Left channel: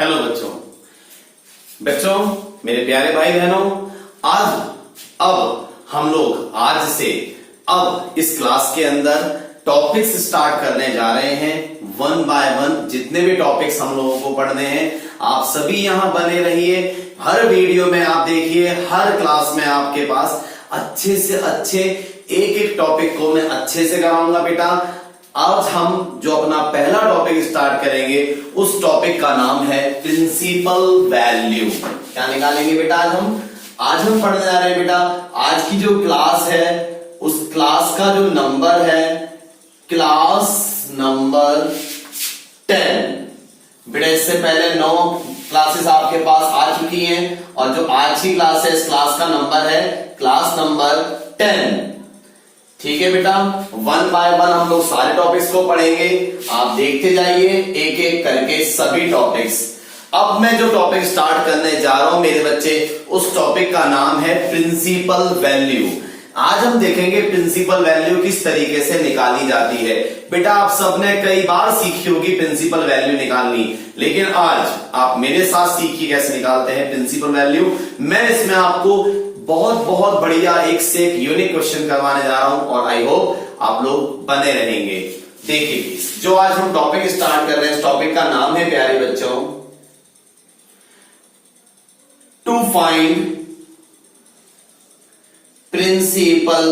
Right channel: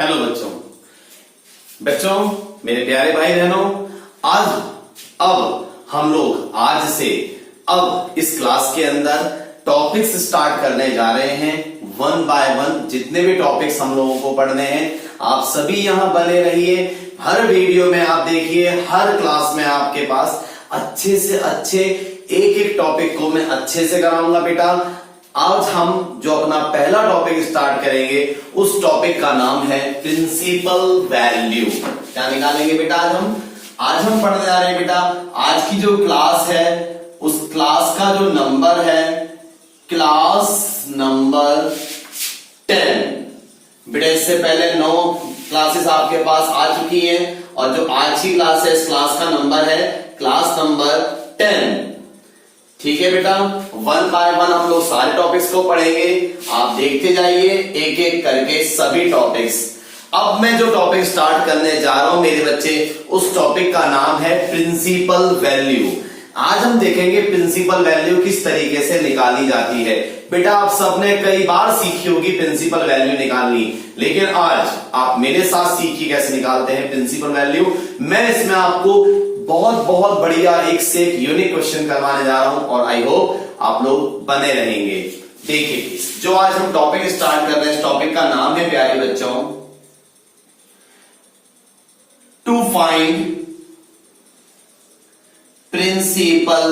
Hello बच्चों मेरे प्यारे भाई बहनों, अब हम लोग आज से अब इस क्लास के अंदर टॉपिक्स स्टार्ट करने जा रहे हैं। वन बाय वन जितने भी टॉपिक्स हम लोगों को पढ़ने हैं, आप सभी यहां बने रहिए। हर वीडियो में आप देखिए, हर क्लास में आपके पास अच्छे से अच्छे एक एक टॉपिक को मैं अच्छे से कराऊंगा बेटा। आज हम जो अपना पहला टॉपिक स्टार्ट करेंगे, उस टॉपिक का नाम है प्रिंसिपल वैल्यू। क्या निकालेंगे बेटा आज हम पढ़ने जा रहे हैं बेटा। आज की जो क्लास है, उस क्लास का जो नंबर है क्लास नंबर 10। बेटा इससे पहले 9 क्लासेस आपके पास आ चुकी हैं, और जो आज की क्लास है, इस क्लास का नंबर है क्लास नंबर 10। ठीक है बेटा, वन बाय वन हम लोग सारे टॉपिक्स को पढ़ेंगे। आप देखते जाइए एक एक करके सभी टॉपिक्स। अब मैं जो टॉपिक स्टार्ट करने जा रहा हूं मेरे बच्चे, उस टॉपिक का नाम है प्रिंसिपल वैल्यू। आज हम देखेंगे प्रिंसिपल वैल्यू किस तरीके से निकाली जाती है। बेटा आप सबने कई बार सीखी होगी प्रिंसिपल वैल्यू निकालनी, लेकिन आज आप मेरे साथ सीखिए कैसे निकालते हैं प्रिंसिपल वैल्यू। मैं इसमें आपको बहुत बढ़िया एक से एक यूनिक क्वेश्चन करवाने जा रहा हूं, और आई होप आप लोग बने रहेंगे। देखिए जो आज हम टॉपिक स्टार्ट कर रहे हैं, इस टॉपिक का नाम है प्यारे बच्चों, टू फाइंड प्रिंसिपल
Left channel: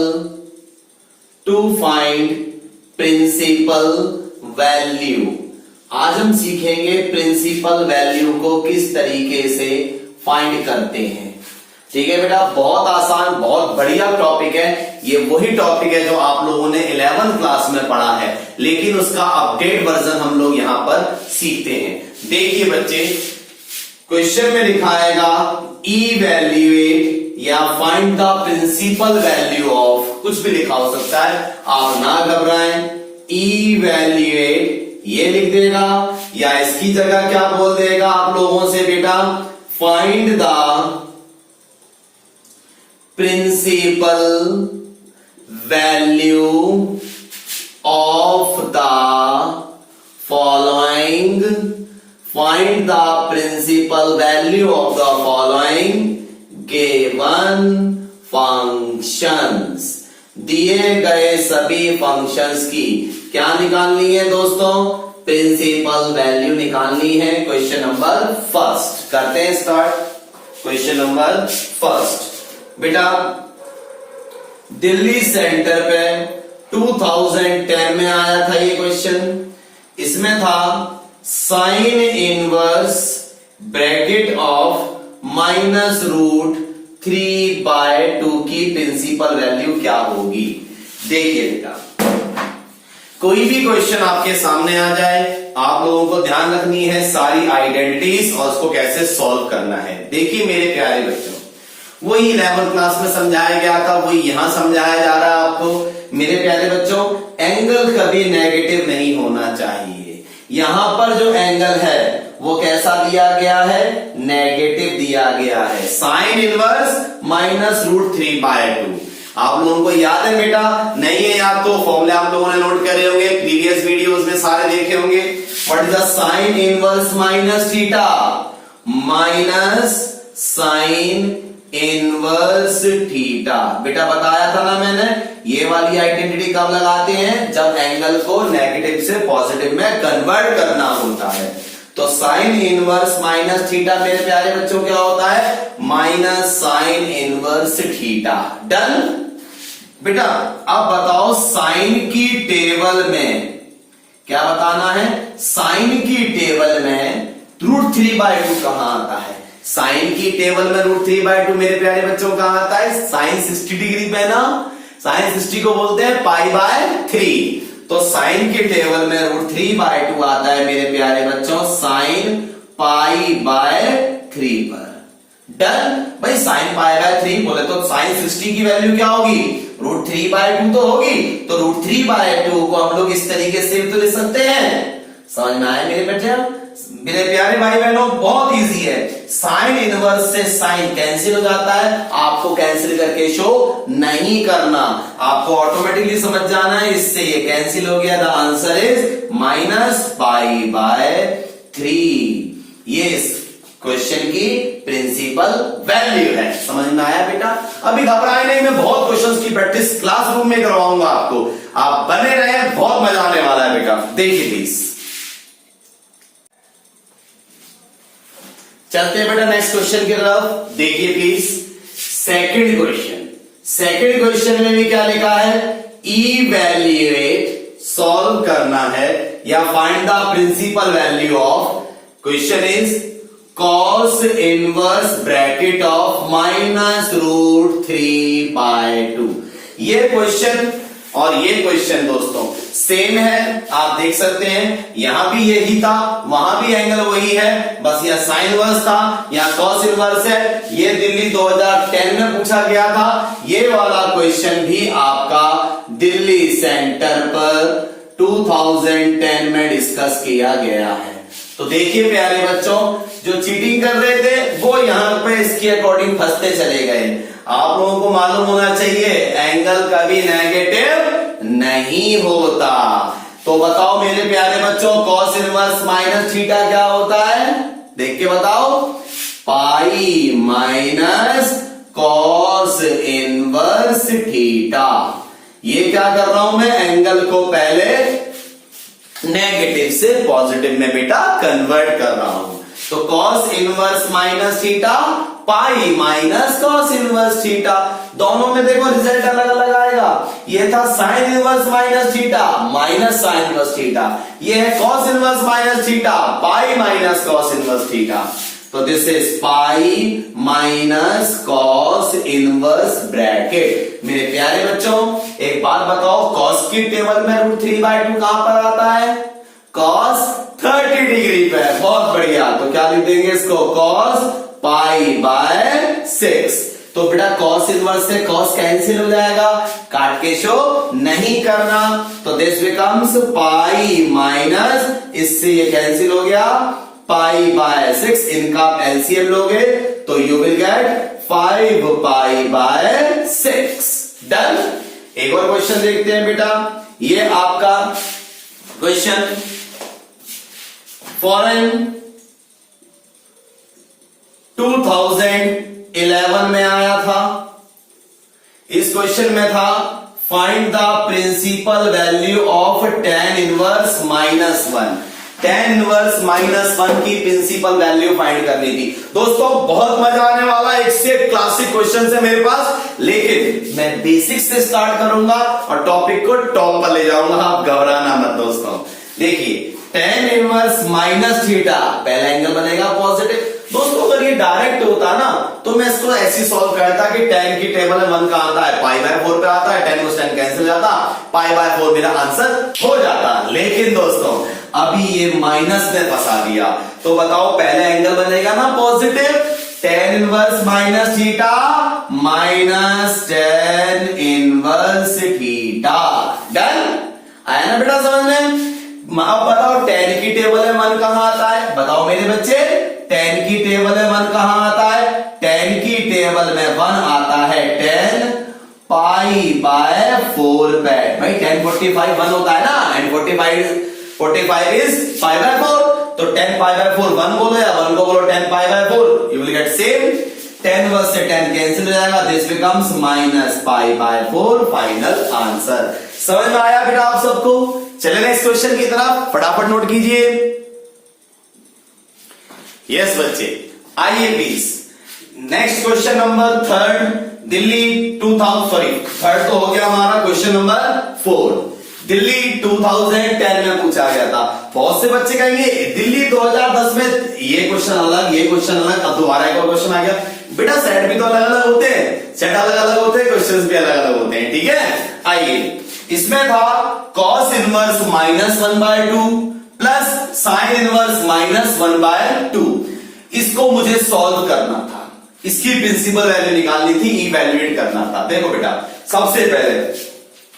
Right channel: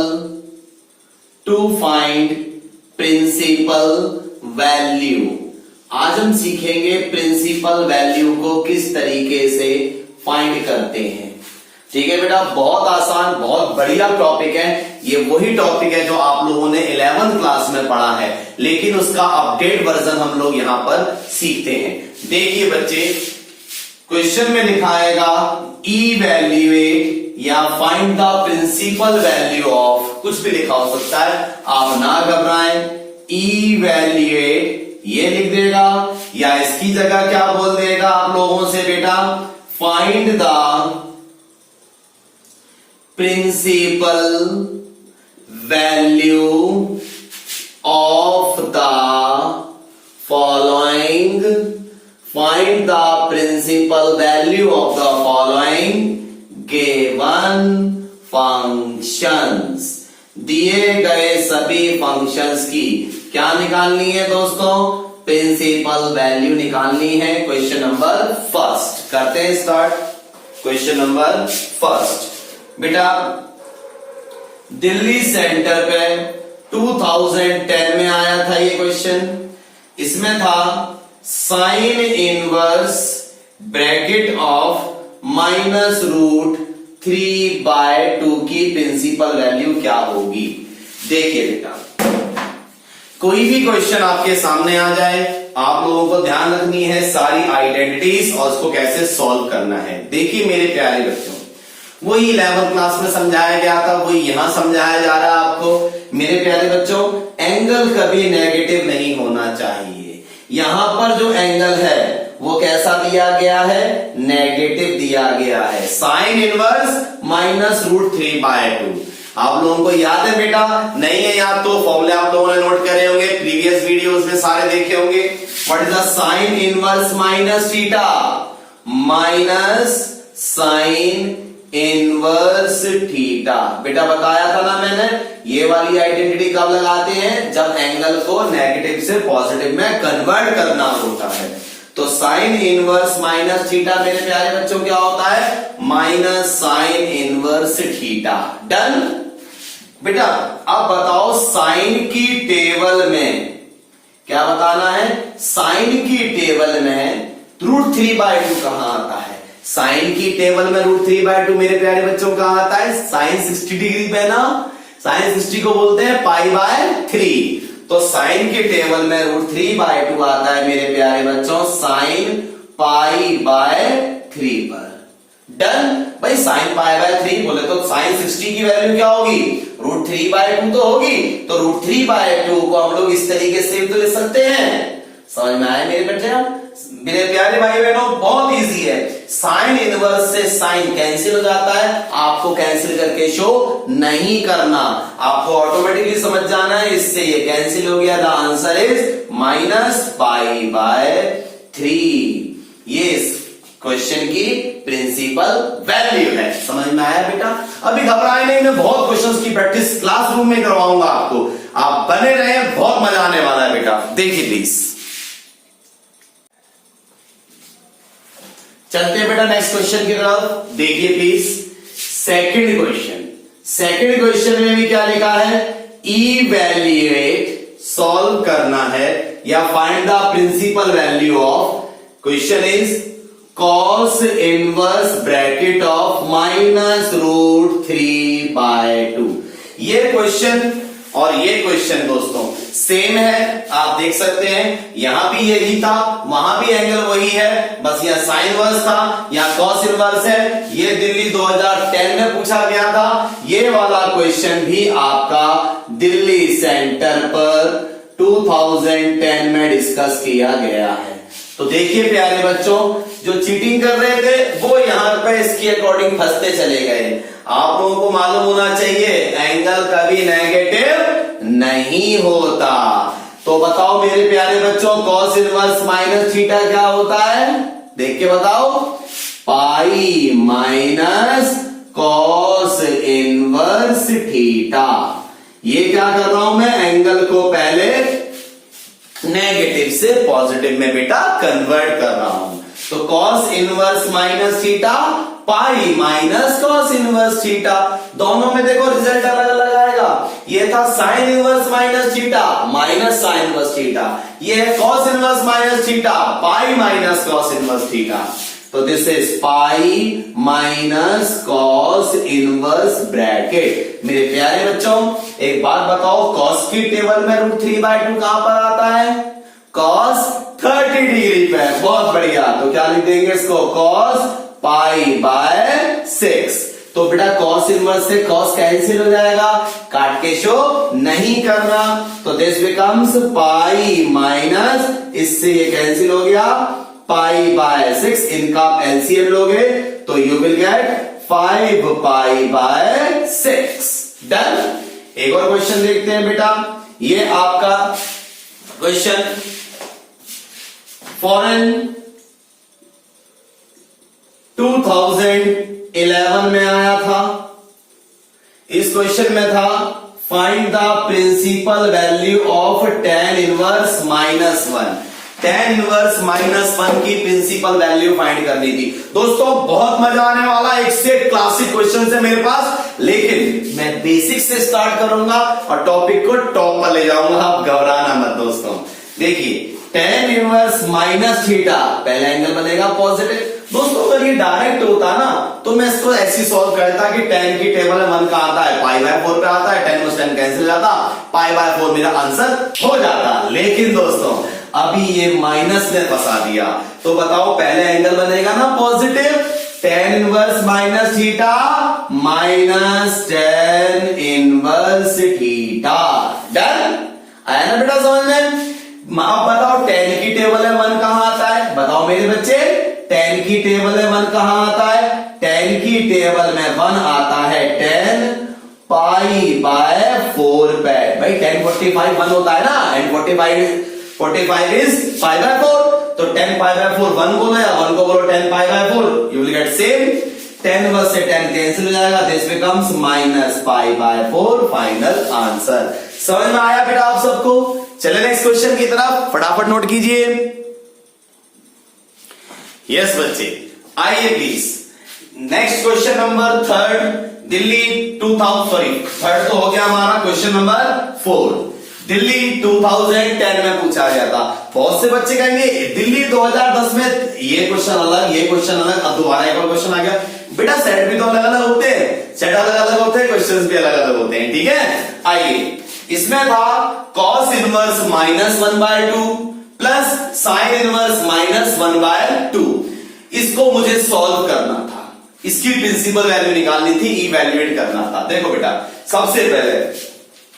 वैल्यू। आज हम सीखेंगे प्रिंसिपल वैल्यू को किस तरीके से फाइंड करते हैं। ठीक है बेटा, बहुत आसान बहुत बढ़िया टॉपिक है। ये वही टॉपिक है जो आप लोगों ने 11th क्लास में पढ़ा है, लेकिन उसका अपडेट वर्जन हम लोग यहां पर सीखते हैं। देखिए बच्चे, क्वेश्चन में लिखा आएगा इवैल्यूएट या find the principal value of, कुछ भी लिखा हो सकता है, आप ना घबराएं। इवैल्यूएट ये लिख देगा, या इसकी जगह क्या बोल देगा आप लोगों से बेटा, find the principal value of the following. Find the principal value of the following given functions. दिए गए सभी फंक्शंस की क्या निकालनी है दोस्तों, प्रिंसिपल वैल्यू निकालनी है। क्वेश्चन नंबर फर्स्ट करते हैं स्टार्ट। क्वेश्चन नंबर फर्स्ट बेटा, दिल्ली सेंटर पे 2010 में आया था ये क्वेश्चन। इसमें था साइन इनवर्स ब्रैकेट ऑफ -√3/2 की प्रिंसिपल वैल्यू क्या होगी। देखिए बेटा, कोई भी क्वेश्चन आपके सामने आ जाए, आप लोगों को ध्यान रखनी है सारी आइडेंटिटीज और उसको कैसे सॉल्व करना है। देखिए मेरे प्यारे बच्चों, वही 11th क्लास में समझाया गया था, वही यहां समझाया जा रहा है आपको। मेरे प्यारे बच्चों, एंगल कभी नेगेटिव नहीं होना चाहिए। यहां पर जो एंगल है वो कैसा दिया गया है, नेगेटिव दिया गया है। Sine inverse -√3/2। आप लोगों को याद है बेटा, नहीं है याद तो फॉर्मूले आप लोगों ने नोट करे होंगे, प्रीवियस वीडियोस में सारे देखे होंगे। What is the sign inverse minus theta, minus sine inverse theta. बेटा बताया था ना मैंने, ये वाली आइडेंटिटी कब लगाते हैं, जब एंगल को नेगेटिव से पॉजिटिव में कन्वर्ट करना होता है। तो साइन इनवर्स माइनस थीटा मेरे प्यारे बच्चों क्या होता है, minus sine inverse theta. Done बेटा, अब बताओ साइन की टेबल में क्या बताना है, साइन की टेबल में √3/2 कहां आता है। साइन की टेबल में √3/2 मेरे प्यारे बच्चों कहां आता है, साइन 60 डिग्री पे ना, साइन 60 को बोलते हैं π/3। तो साइन की टेबल में √3/2 आता है मेरे प्यारे बच्चों, साइन π/3 पर। डन भाई, साइन π/3 बोले तो साइन 60 की वैल्यू क्या होगी, √3/2 तो होगी। तो √3/2 को हम लोग इस तरीके से तो लिख सकते हैं। समझ में आया मेरे बच्चे, मेरे प्यारे भाई बहनों, बहुत इजी है। साइन इनवर्स से साइन कैंसिल हो जाता है, आपको कैंसिल करके शो नहीं करना, आपको ऑटोमेटिकली समझ जाना है। इससे ये कैंसिल हो गया, द आंसर इज -π/3। ये इस क्वेश्चन की प्रिंसिपल वैल्यू है। समझ में आया बेटा? अभी घबराए नहीं, मैं बहुत क्वेश्चंस की प्रैक्टिस क्लासरूम में करवाऊंगा आपको, आप बने रहे, बहुत मजा आने वाला है बेटा। देखिए प्लीज, चलते हैं बेटा नेक्स्ट क्वेश्चन की तरफ। देखिए प्लीज, सेकंड क्वेश्चन में भी क्या लिखा है? इवैल्यूएट, सॉल्व करना है या find the principal value of, question is cos inverse bracket of -√3/2। ये क्वेश्चन और ये क्वेश्चन दोस्तों सेम है, आप देख सकते हैं, यहां भी यही था, वहां भी एंगल वही है, बस यहां साइन इनवर्स था, यहां cos इनवर्स है। ये दिल्ली 2010 में पूछा गया था, ये वाला क्वेश्चन भी आपका दिल्ली सेंटर पर 2010 में डिस्कस किया गया है। तो देखिए प्यारे बच्चों, जो चीटिंग कर रहे थे वो यहां पे इसके अकॉर्डिंग फंसते चले गए। आप लोगों को मालूम होना चाहिए एंगल कभी नेगेटिव नहीं होता। तो बताओ मेरे प्यारे बच्चों, cos इनवर्स माइनस थीटा क्या होता है? देख के बताओ, पाई माइनस cos इनवर्स थीटा। ये क्या कर रहा हूं मैं? एंगल को पहले नेगेटिव से पॉजिटिव में बेटा कन्वर्ट कर रहा हूं। तो cos inverse minus theta, pi minus cos inverse theta, दोनों में देखो रिजल्ट अलग अलग आएगा। ये था sine inverse minus theta minus sine inverse theta, ये है cos inverse minus theta, pi minus cos inverse theta. तो this is pi minus cos inverse bracket. मेरे प्यारे बच्चों, एक बात बताओ, cos की टेबल में √3/2 कहां पर आता है? cos 30 डिग्री पे। बहुत बढ़िया, तो क्या लिख देंगे इसको? cos π/6। तो बेटा cos इनवर्स से cos कैंसिल हो जाएगा, काट के शो नहीं करना, तो दिस बिकम्स पाई माइनस, इससे ये कैंसिल हो गया, π/6, इनका एलसीएम लोगे तो यू विल गेट 5π/6। डन। एक और क्वेश्चन देखते हैं बेटा, ये आपका क्वेश्चन फॉरेन 2011 में आया था। इस क्वेश्चन में था find the principal value of tan inverse -1। tan inverse -1 की प्रिंसिपल वैल्यू फाइंड करनी थी। दोस्तों बहुत मजा आने वाला, एक से क्लासिक क्वेश्चन है मेरे पास, लेकिन मैं बेसिक से स्टार्ट करूंगा और टॉपिक को टॉप पर ले जाऊंगा, आप घबराना मत दोस्तों। देखिए tan इनवर्स माइनस थीटा, पहला एंगल बनेगा पॉजिटिव। दोस्तों अगर ये डायरेक्ट होता ना तो मैं इसको ऐसे सॉल्व करता कि tan की टेबल में 1 का आता है, π/4 पे आता है, tan को tan कैंसिल हो जाता, π/4 मेरा आंसर हो जाता। लेकिन दोस्तों अभी ये माइनस ने फंसा दिया, तो बताओ पहले एंगल बनेगा ना positive, tan inverse minus theta minus tan inverse theta. Done. आया ना बेटा समझ में? अब बताओ tan की टेबल में 1 कहां आता है? बताओ मेरे बच्चे, tan की टेबल में 1 कहां आता है? tan की टेबल में 1 आता है tan π/4 पे। भाई tan 45 1 होता है ना, and 45 इज π/4, तो tan π/4 1 बोलो या 1 को बोलो tan π/4, you will get same. tan inverse से tan कैंसिल हो जाएगा, दिस बिकम्स -π/4 फाइनल आंसर। समझ में आया बेटा आप सबको? चले नेक्स्ट क्वेश्चन की तरफ, फटाफट नोट कीजिए। यस बच्चे, आइए please. Next question number 3 Delhi 2000 third तो हो गया हमारा, क्वेश्चन नंबर 4 दिल्ली 2010 में पूछा गया था। बहुत से बच्चे कहेंगे दिल्ली 2010 में ये क्वेश्चन अलग, ये क्वेश्चन अलग, अब दोबारा एक और क्वेश्चन आ गया। बेटा सेट भी तो अलग अलग होते हैं, सेट अलग अलग होते हैं, क्वेश्चंस भी अलग अलग होते हैं, ठीक है। आइए, इसमें था cos inverse -1/2 plus sign inverse -1/2। इसको मुझे सॉल्व करना था, इसकी प्रिंसिपल वैल्यू निकालनी थी, इवैल्यूएट करना था। देखो बेटा, सबसे पहले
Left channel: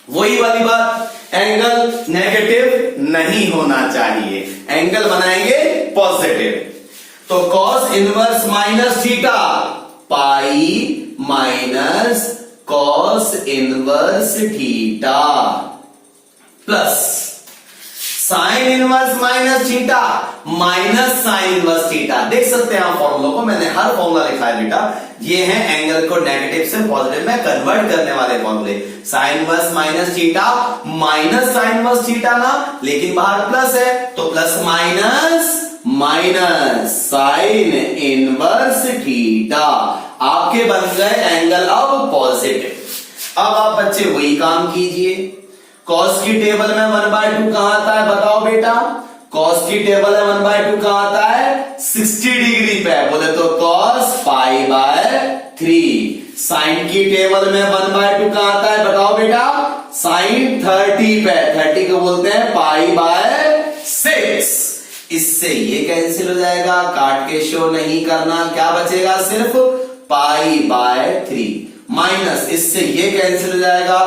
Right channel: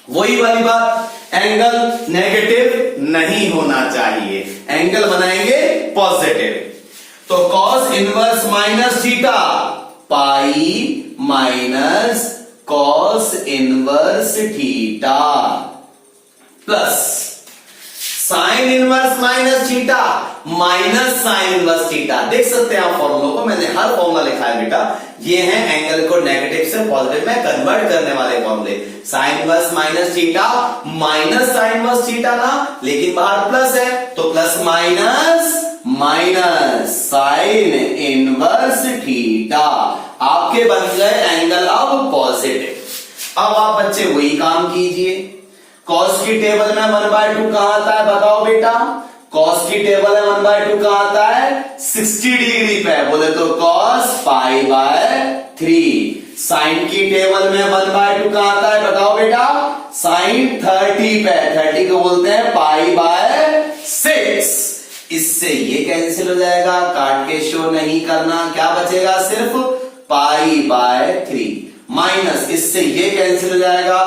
वही वाली बात, एंगल नेगेटिव नहीं होना चाहिए, एंगल बनाएंगे पॉजिटिव। तो cos inverse minus theta pi minus cos inverse theta plus sign inverse minus theta minus sine inverse theta. देख सकते हैं आप फॉर्मूला को, मैंने हर फॉर्मूला लिखा है बेटा। ये है एंगल को नेगेटिव से पॉजिटिव में कन्वर्ट करने वाले फॉर्मूले। Sine inverse minus theta, minus sine inverse theta ना, लेकिन बाहर प्लस है तो plus minus minus sine inverse theta. आपके बन गए एंगल अब पॉजिटिव। अब आप बच्चे वही काम कीजिए। कॉस की टेबल में 1/2 कहां आता है बताओ बेटा? कॉस की टेबल में 1/2 कहां आता है? 60 डिग्री पे। बोले तो कॉस π/3। साइन की टेबल में 1/2 कहां आता है बताओ बेटा? साइन 30 पे। 30 को बोलते हैं π/6। इससे ये कैंसिल हो जाएगा, काट के शो नहीं करना। क्या बचेगा? सिर्फ π/3 माइनस, इससे ये कैंसिल हो जाएगा,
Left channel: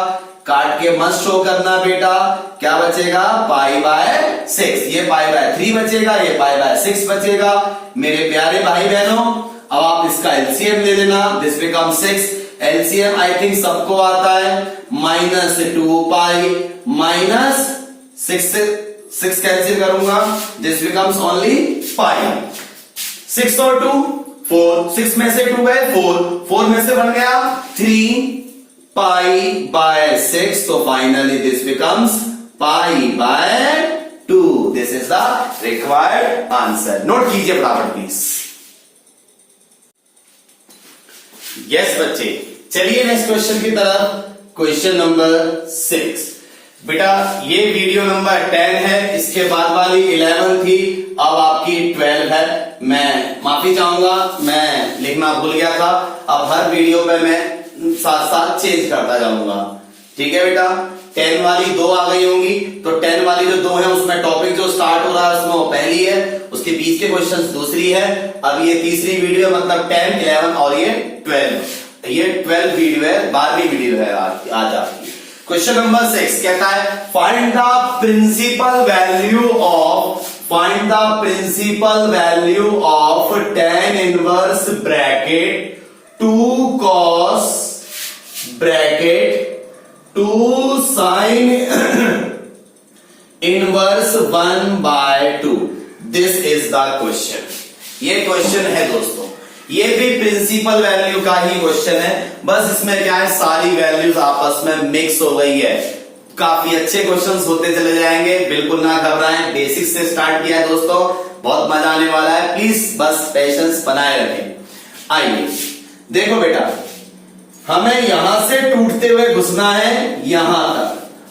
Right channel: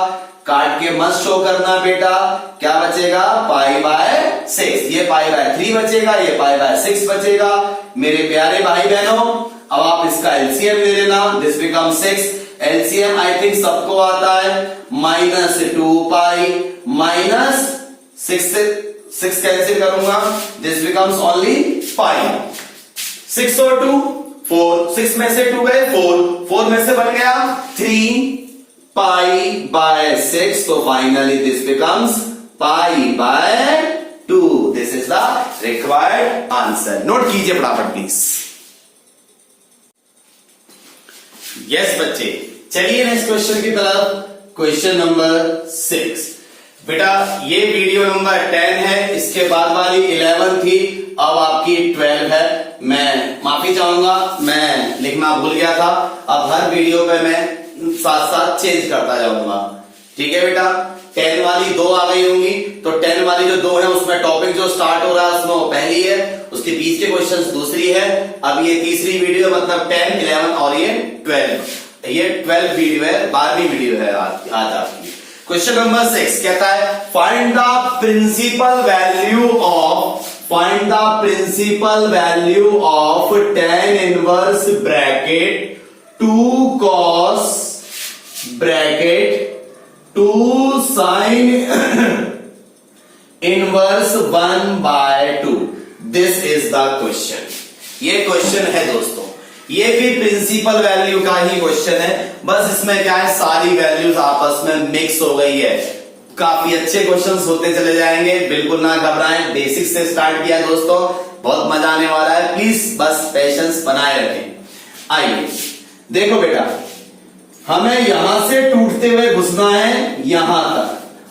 काट के मत शो करना बेटा। क्या बचेगा? π/6। ये π/3 बचेगा, ये π/6 बचेगा। मेरे प्यारे भाई बहनों, अब आप इसका एलसीएम ले लेना। This become 6। LCM I think सबको आता है। -2π माइनस 6 कैंसिल करूंगा, दिस बिकम्स ओनली पाई। 6 और 2 4, 6 में से 2 गए 4 में से बन गया 3π/6। तो finally this becomes π/2। This is the required answer. Note कीजिए फटाफट प्लीज। यस बच्चे, चलिए नेक्स्ट क्वेश्चन की तरफ। Question number 6। बेटा ये वीडियो नंबर 10 है, इसके बाद वाली 11 थी, अब आपकी 12 है। मैं माफी चाहूंगा, मैं लिखना भूल गया था। अब हर वीडियो पे मैं साथ साथ चेंज करता जाऊंगा। ठीक है बेटा? 10 वाली 2 आ गई होंगी, तो 10 वाली जो 2 है उसमें टॉपिक जो स्टार्ट हो रहा है उसमें वो पहली है, उसके बीच के क्वेश्चन दूसरी है। अब ये तीसरी वीडियो मतलब 10, 11 और ये 12। ये 12 वीडियो है, 12वीं वीडियो है आज आपकी। क्वेश्चन नंबर 6 कहता है find the principal value of tan inverse bracket 2 cos bracket 2 sin inverse 1/2। This is the question. ये क्वेश्चन है दोस्तों, ये भी प्रिंसिपल वैल्यू का ही क्वेश्चन है, बस इसमें क्या है सारी वैल्यूज आपस में मिक्स हो गई है। काफी अच्छे क्वेश्चंस होते चले जाएंगे, बिल्कुल ना घबराएं। बेसिक से स्टार्ट किया है दोस्तों, बहुत मजा आने वाला है। प्लीज बस पेशेंस बनाए रखें। आइए देखो बेटा, हमें यहां से टूटते हुए घुसना है यहां तक।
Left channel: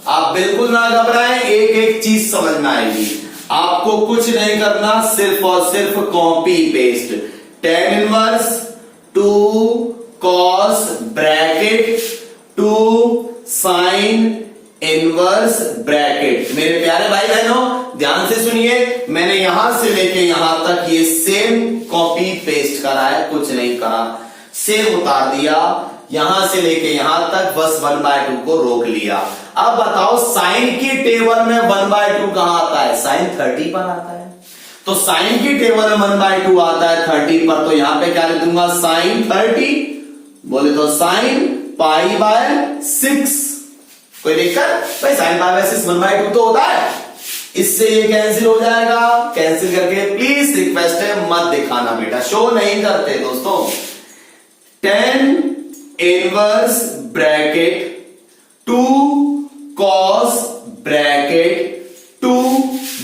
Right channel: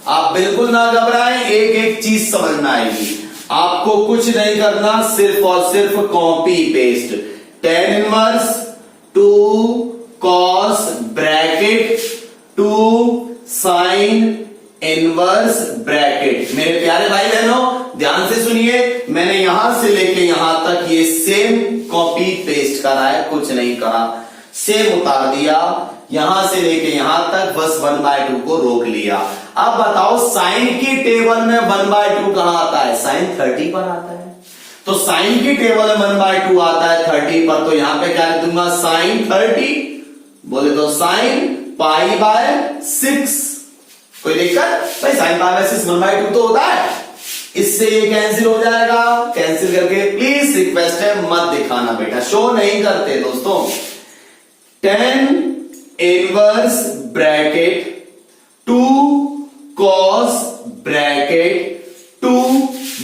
आप बिल्कुल ना घबराएं, एक एक चीज समझ में आएगी। आपको कुछ नहीं करना, सिर्फ और सिर्फ copy paste. tan inverse 2 cos bracket 2 sin inverse bracket. मेरे प्यारे भाई बहनों ध्यान से सुनिए, मैंने यहां से लेके यहां तक ये सेम कॉपी पेस्ट करा है, कुछ नहीं करा, सेम उतार दिया। यहां से लेके यहां तक बस 1/2 को रोक लिया। अब बताओ साइन की टेबल में 1/2 कहां आता है? साइन 30 पर आता है। तो साइन की टेबल में 1/2 आता है 30 पर, तो यहां पे क्या लिख दूंगा? साइन 30। बोले तो साइन π/6। कोई दिक्कत? भाई साइन π/6 1/2 तो होता है, इससे ये कैंसिल हो जाएगा। कैंसिल करके प्लीज रिक्वेस्ट है मत दिखाना बेटा, शो नहीं करते दोस्तों। tan inverse bracket 2 cos bracket 2।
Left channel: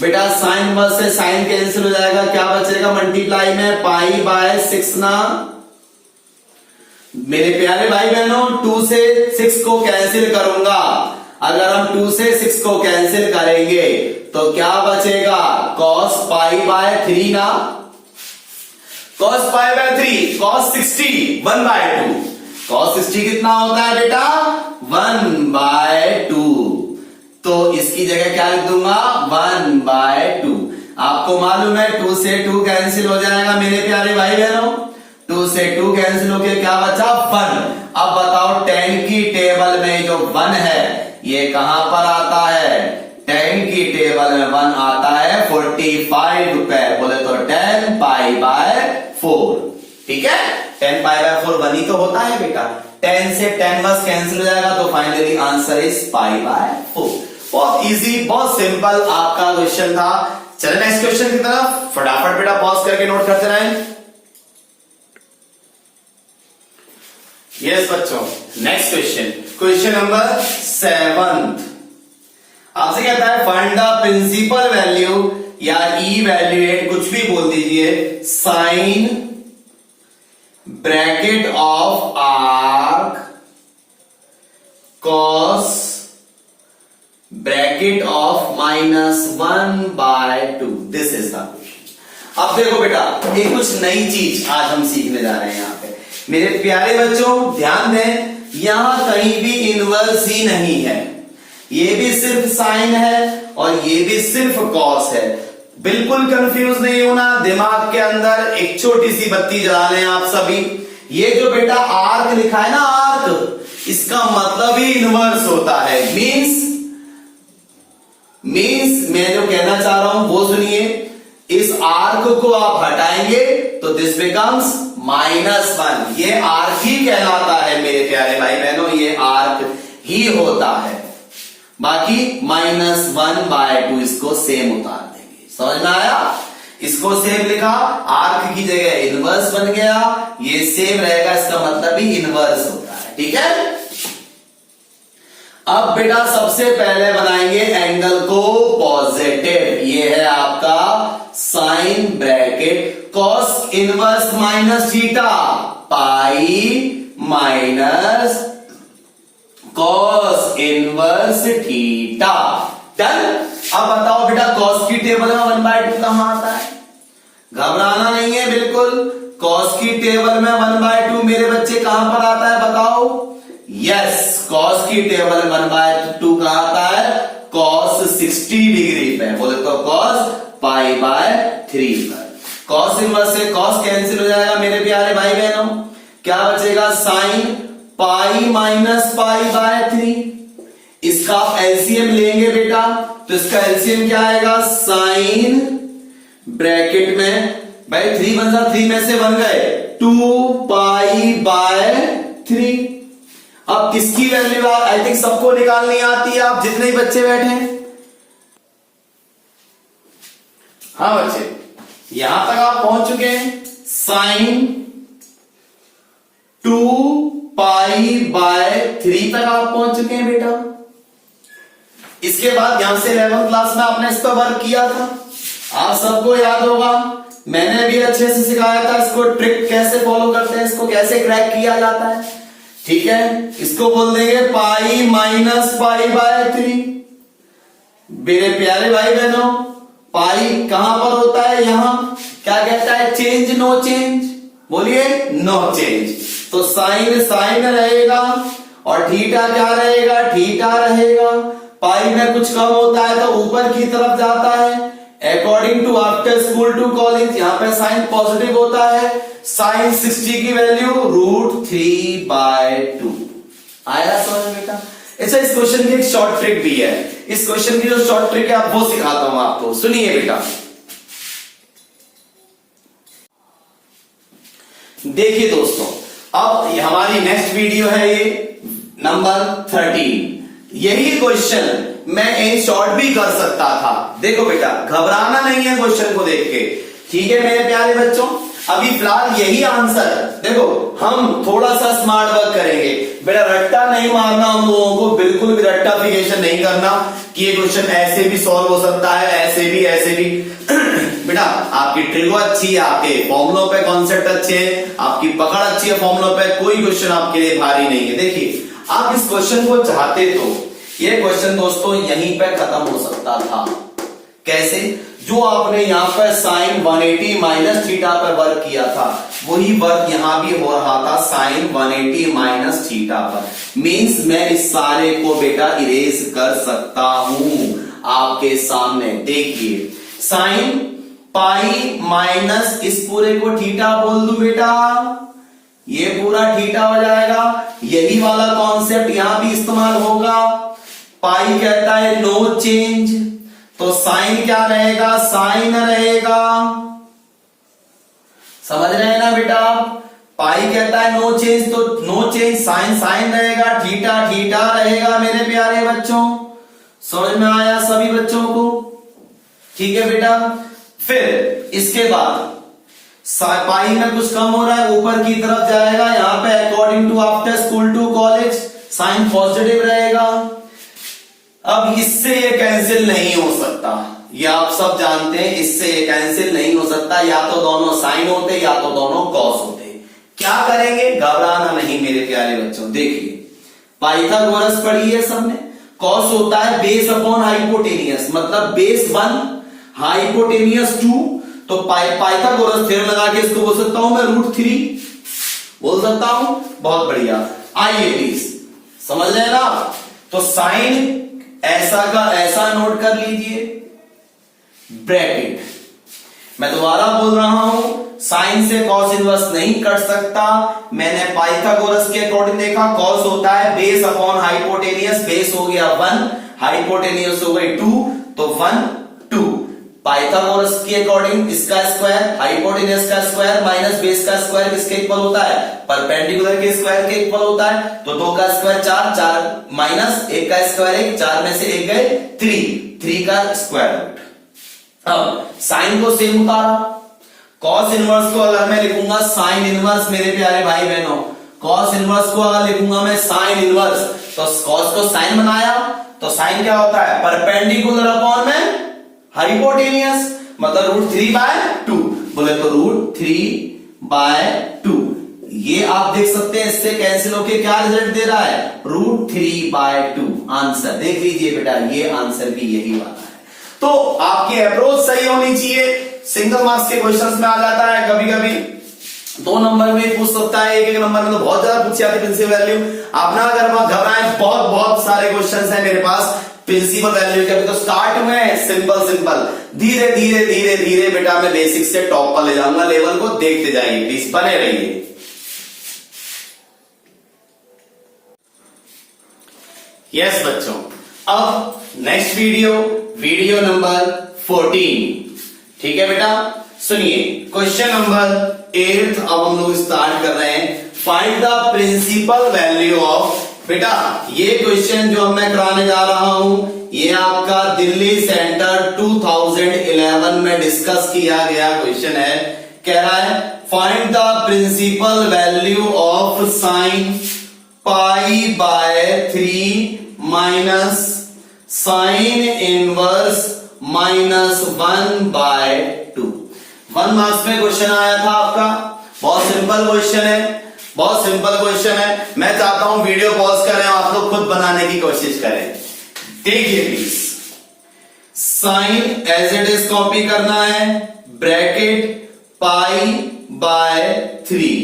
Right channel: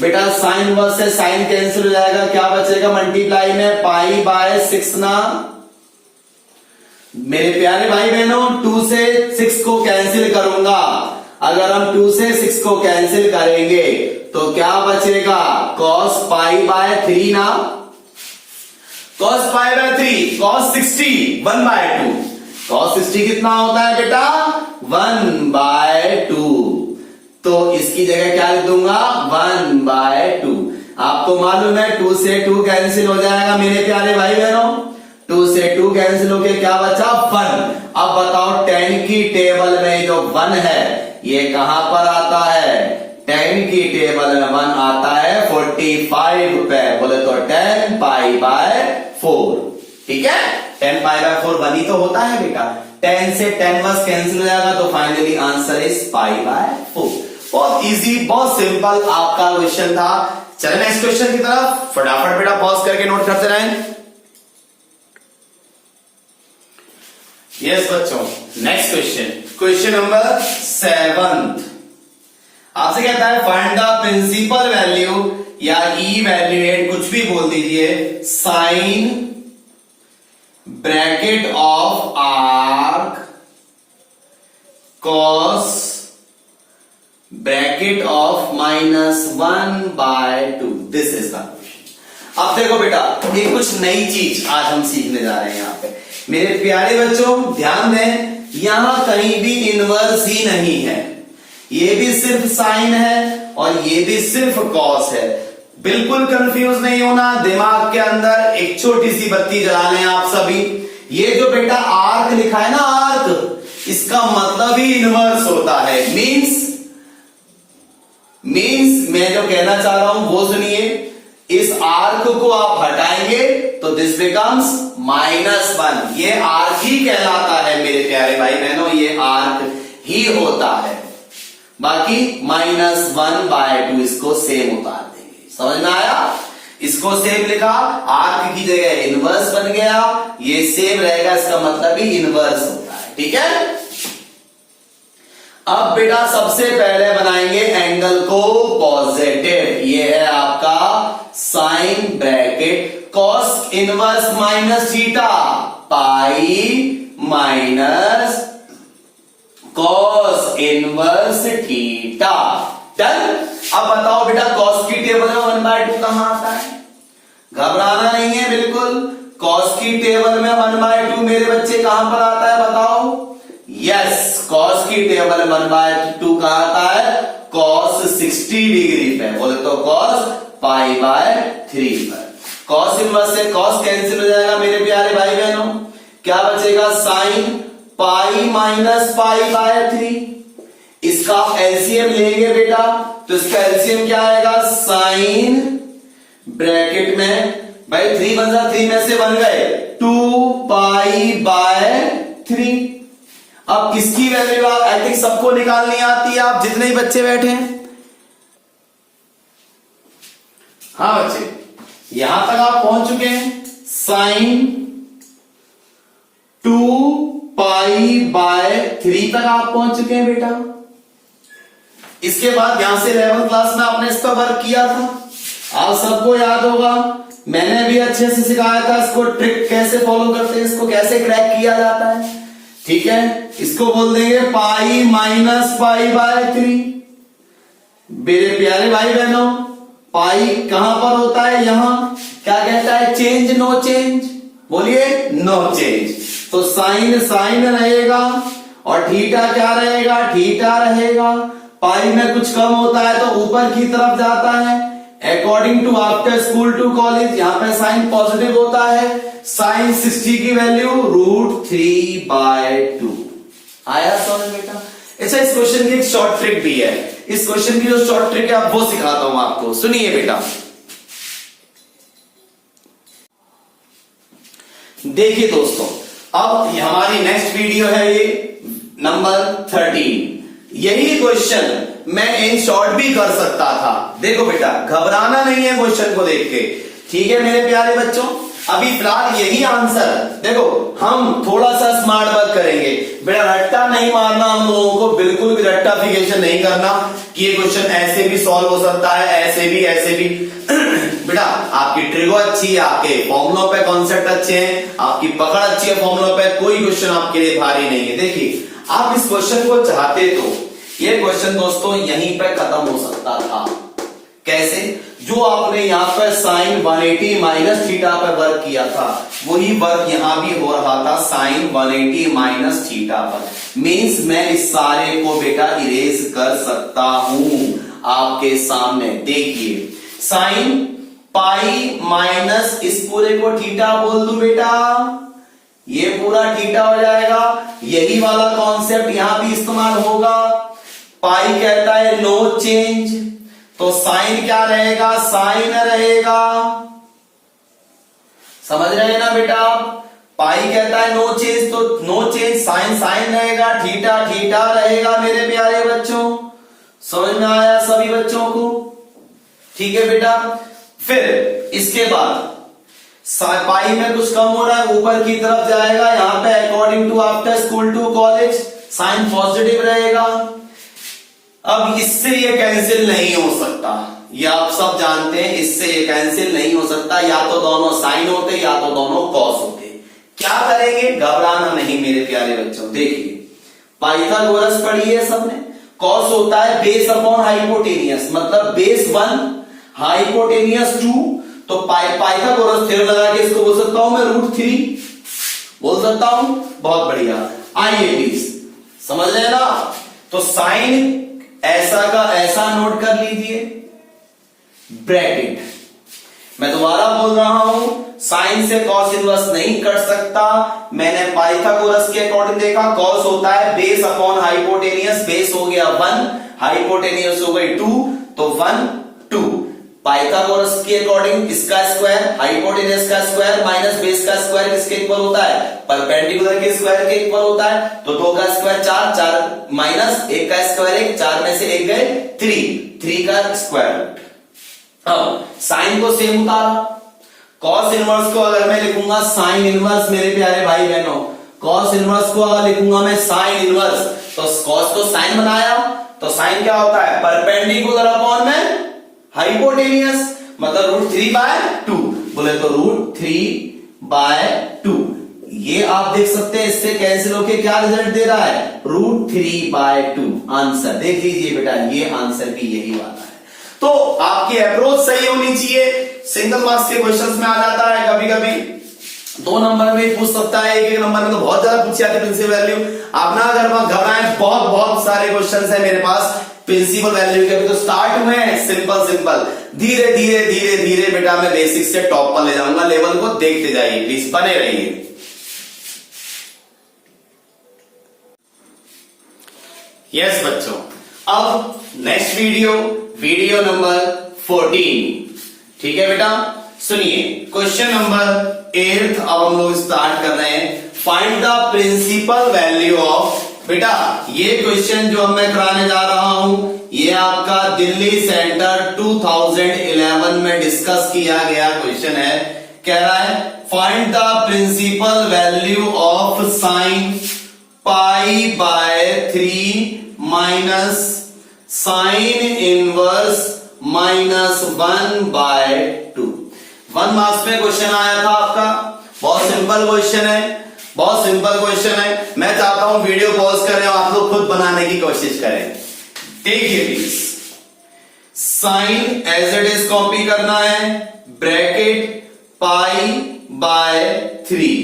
बेटा साइन इनवर्स से साइन कैंसिल हो जाएगा, क्या बचेगा? मल्टीप्लाई में π/6 ना। मेरे प्यारे भाई बहनों 2 से 6 को कैंसिल करूंगा। अगर हम 2 से 6 को कैंसिल करेंगे तो क्या बचेगा? cos π/3 ना। cos π/3 cos 60 1/2। cos 60 कितना होता है बेटा? 1/2। तो इसकी जगह क्या लिख दूंगा? 1/2। आपको मालूम है 2 से 2 कैंसिल हो जाएगा मेरे प्यारे भाई बहनों। 2 से 2 कैंसिल होके क्या बचा? 1। अब बताओ tan की टेबल में जो 1 है ये कहां पर आता है? tan की टेबल में 1 आता है 45 पे। बोले तो 10 π/4। ठीक है, 10 π/4 1 ही तो होता है बेटा। 10 से 10 बस कैंसिल हो जाएगा, तो फाइनली आंसर इज π/4। बहुत इजी, बहुत सिंपल आपका क्वेश्चन था। चले नेक्स्ट क्वेश्चन की तरफ, फटाफट बेटा पॉज करके नोट करते रहें। यस बच्चों, नेक्स्ट क्वेश्चन, क्वेश्चन नंबर 7 आपसे कहता है फाइंड द प्रिंसिपल वैल्यू या इवैल्यूएट, कुछ भी बोल दीजिए, sine bracket of arc cos bracket of -1/2। This is the question. अब देखो बेटा, एक कुछ नई चीज आज हम सीखने जा रहे हैं यहां पे। मेरे प्यारे बच्चों ध्यान दें, यहां कहीं भी इनवर्स ही नहीं है, ये भी सिर्फ साइन है और ये भी सिर्फ कॉस है। बिल्कुल कंफ्यूज नहीं होना, दिमाग के अंदर एक छोटी सी बत्ती जला लें आप सभी। ये जो बेटा आर्क लिखा है ना, आर्क, इसका मतलब ही इनवर्स होता है। मीन्स मैं जो कहना चाह रहा हूं वो सुनिए, इस आर्क को आप हटाएंगे तो दिस बिकम्स -1। ये आर्क ही कहलाता है मेरे प्यारे भाई बहनों, ये आर्क ही होता है। बाकी -1/2 इसको सेम उतार देंगे। समझ में आया? इसको सेम लिखा, आर्क की जगह इनवर्स बन गया, ये सेम रहेगा, इसका मतलब ही इनवर्स होता है। ठीक है, अब बेटा सबसे पहले बनाएंगे एंगल को पॉजिटिव। ये है आपका sine bracket cos inverse minus theta, pi minus cos inverse theta. Done. अब बताओ बेटा कॉस की टेबल में 1/2 कहां आता है? घबराना नहीं है बिल्कुल। कॉस की टेबल में 1/2 मेरे बच्चे कहां पर आता है बताओ? यस, कॉस की टेबल में 1/2 कहां आता है? कॉस 60 डिग्री पे, बोले तो कॉस π/3 पर। कॉस इनवर्स से कॉस कैंसिल हो जाएगा मेरे प्यारे भाई बहनों, क्या बचेगा? Sine pi minus π/3। इसका आप एलसीएम लेंगे बेटा, तो इसका एलसीएम क्या आएगा? साइन ब्रैकेट में भाई 3 बन जा, 3 में से बन गए 2π/3। अब किसकी वैल्यू आई थिंक सबको निकालनी आती है, आप जितने ही बच्चे बैठे हैं। हाँ बच्चे, यहां तक आप पहुंच चुके हैं। साइन 2π/3 तक आप पहुंच चुके हैं बेटा। इसके बाद यहां से 11th क्लास में आपने इस पर वर्क किया था, आप सबको याद होगा। मैंने भी अच्छे से सिखाया था इसको, ट्रिक कैसे फॉलो करते हैं, इसको कैसे क्रैक किया जाता है। ठीक है, इसको बोल देंगे पाई माइनस π/3। मेरे प्यारे भाई बहनों, पाई कहां पर होता है? यहां। क्या कहता है? चेंज नो चेंज, बोलिए नो चेंज। तो साइन साइन रहेगा और थीटा क्या रहेगा? थीटा रहेगा। पाई में कुछ कम होता है तो ऊपर की तरफ जाता है। According to after school to college, यहां पे साइन पॉजिटिव होता है। साइन 60 की वैल्यू √3/2 आया समझ बेटा। अच्छा, इस क्वेश्चन की एक शॉर्ट ट्रिक भी है। इस क्वेश्चन की जो शॉर्ट ट्रिक है वो सिखाता हूं आपको, सुनिए बेटा। देखिए दोस्तों, अब हमारी नेक्स्ट वीडियो है ये नंबर 13। यही क्वेश्चन मैं इन शॉर्ट भी कर सकता था। देखो बेटा, घबराना नहीं है क्वेश्चन को देख के, ठीक है मेरे प्यारे बच्चों। अभी फिलहाल यही आंसर, देखो हम थोड़ा सा स्मार्ट वर्क करेंगे बेटा, रट्टा नहीं मारना हम लोगों को, बिल्कुल भी रट्टाफिकेशन नहीं करना कि ये क्वेश्चन ऐसे भी सॉल्व हो सकता है, ऐसे भी बेटा आपकी ट्रिगो अच्छी है, आपके फॉर्मुलों पे कॉन्सेप्ट अच्छे हैं, आपकी पकड़ अच्छी है फॉर्मुलों पे, कोई क्वेश्चन आपके लिए भारी नहीं है। देखिए, आप इस क्वेश्चन को चाहते तो ये क्वेश्चन दोस्तों यहीं पे खत्म हो सकता था। कैसे? जो आपने यहां पर साइन 180 माइनस थीटा पर वर्क किया था, वही वर्क यहां भी हो रहा था साइन 180 माइनस थीटा पर। मींस मैं इस सारे को बेटा इरेज कर सकता हूं आपके सामने। देखिए, साइन पाई माइनस इस पूरे को थीटा बोल दूं बेटा, ये पूरा थीटा हो जाएगा। यही वाला कॉन्सेप्ट यहां भी इस्तेमाल होगा। पाई कहता है नो चेंज, तो साइन क्या रहेगा? साइन रहेगा। समझ रहे हैं ना बेटा आप? पाई कहता है नो चेंज, तो नो चेंज, साइन साइन रहेगा, थीटा थीटा रहेगा मेरे प्यारे बच्चों। समझ में आया सभी बच्चों को? ठीक है बेटा। फिर इसके बाद पाई में कुछ कम हो रहा है, ऊपर की तरफ जाएगा, यहां पे according to after school to college sine positive रहेगा। अब इससे ये कैंसिल नहीं हो सकता, ये आप सब जानते हैं, इससे ये कैंसिल नहीं हो सकता, या तो दोनों साइन होते या तो दोनों कॉस होते। क्या करेंगे, घबराना नहीं मेरे प्यारे बच्चों। देखिए पाइथागोरस पढ़ी है सबने, कॉस होता है बेस अपॉन हाइपोटेनियस, मतलब बेस 1 हाइपोटेनियस 2, तो पाइथागोरस थ्योरम लगा के इसको बोल सकता हूं मैं √3 बोल सकता हूं। बहुत बढ़िया, आइए प्लीज समझ रहे ना। तो साइन ऐसा का ऐसा नोट कर लीजिए, ब्रैकेट, मैं दोबारा बोल रहा हूं, साइन से कॉस इनवर्स नहीं कट सकता। मैंने पाइथागोरस के अकॉर्डिंग देखा, कॉस होता है बेस अपॉन हाइपोटेनियस, बेस हो गया 1, हाइपोटेनियस हो गई 2, तो 1 2। पाइथागोरस के अकॉर्डिंग इसका स्क्वायर हाइपोटेनियस का स्क्वायर माइनस बेस का स्क्वायर किसके इक्वल होता है, परपेंडिकुलर के स्क्वायर के इक्वल होता है। तो 2 का स्क्वायर 4, 4 माइनस 1 का स्क्वायर 1, 4 में से 1 गए 3 का स्क्वायर रूट। अब साइन को सेम उतारा, कॉस इनवर्स को अगर मैं लिखूंगा साइन इनवर्स, मेरे प्यारे भाई बहनों, कॉस इनवर्स को अगर लिखूंगा मैं साइन इनवर्स, तो कॉस को साइन बनाया, तो साइन क्या होता है, परपेंडिकुलर अपॉन में हाइपोटेनियस, मतलब √3/2 बोले तो √3/2। ये आप देख सकते हैं, इससे कैंसिल होके क्या रिजल्ट दे रहा है, √3/2 आंसर। देख लीजिए बेटा, ये आंसर भी यही वाला है। तो आपकी अप्रोच सही होनी चाहिए। सिंगल मार्क्स के क्वेश्चंस में आ जाता है, कभी कभी 2 नंबर में पूछ सकता है, 1 नंबर में तो बहुत ज्यादा पूछी जाती है प्रिंसिपल वैल्यू। आप ना अगर घबराएं, बहुत सारे क्वेश्चंस हैं मेरे पास प्रिंसिपल वैल्यू के, अभी तो स्टार्ट हुए हैं, सिंपल धीरे धीरे बेटा मैं बेसिक से टॉप पर ले जाऊंगा, लेवल को देखते जाइए प्लीज, बने रहिए। यस बच्चों, अब नेक्स्ट वीडियो नंबर 14, ठीक है बेटा। सुनिए क्वेश्चन नंबर 8 अब हम लोग स्टार्ट कर रहे हैं, find the principal value of. बेटा ये क्वेश्चन जो मैं कराने जा रहा हूं, ये आपका दिल्ली सेंटर 2011 में डिस्कस किया गया क्वेश्चन है। कह रहा है find the principal value of sine π/3 minus sine inverse -1/2। 1 marks में क्वेश्चन आया था आपका, बहुत सिंपल क्वेश्चन है। मैं चाहता हूं वीडियो पॉज करें, आप लोग खुद बनाने की कोशिश करें। देखिए please, sine as it is copy करना है, ब्रैकेट π/3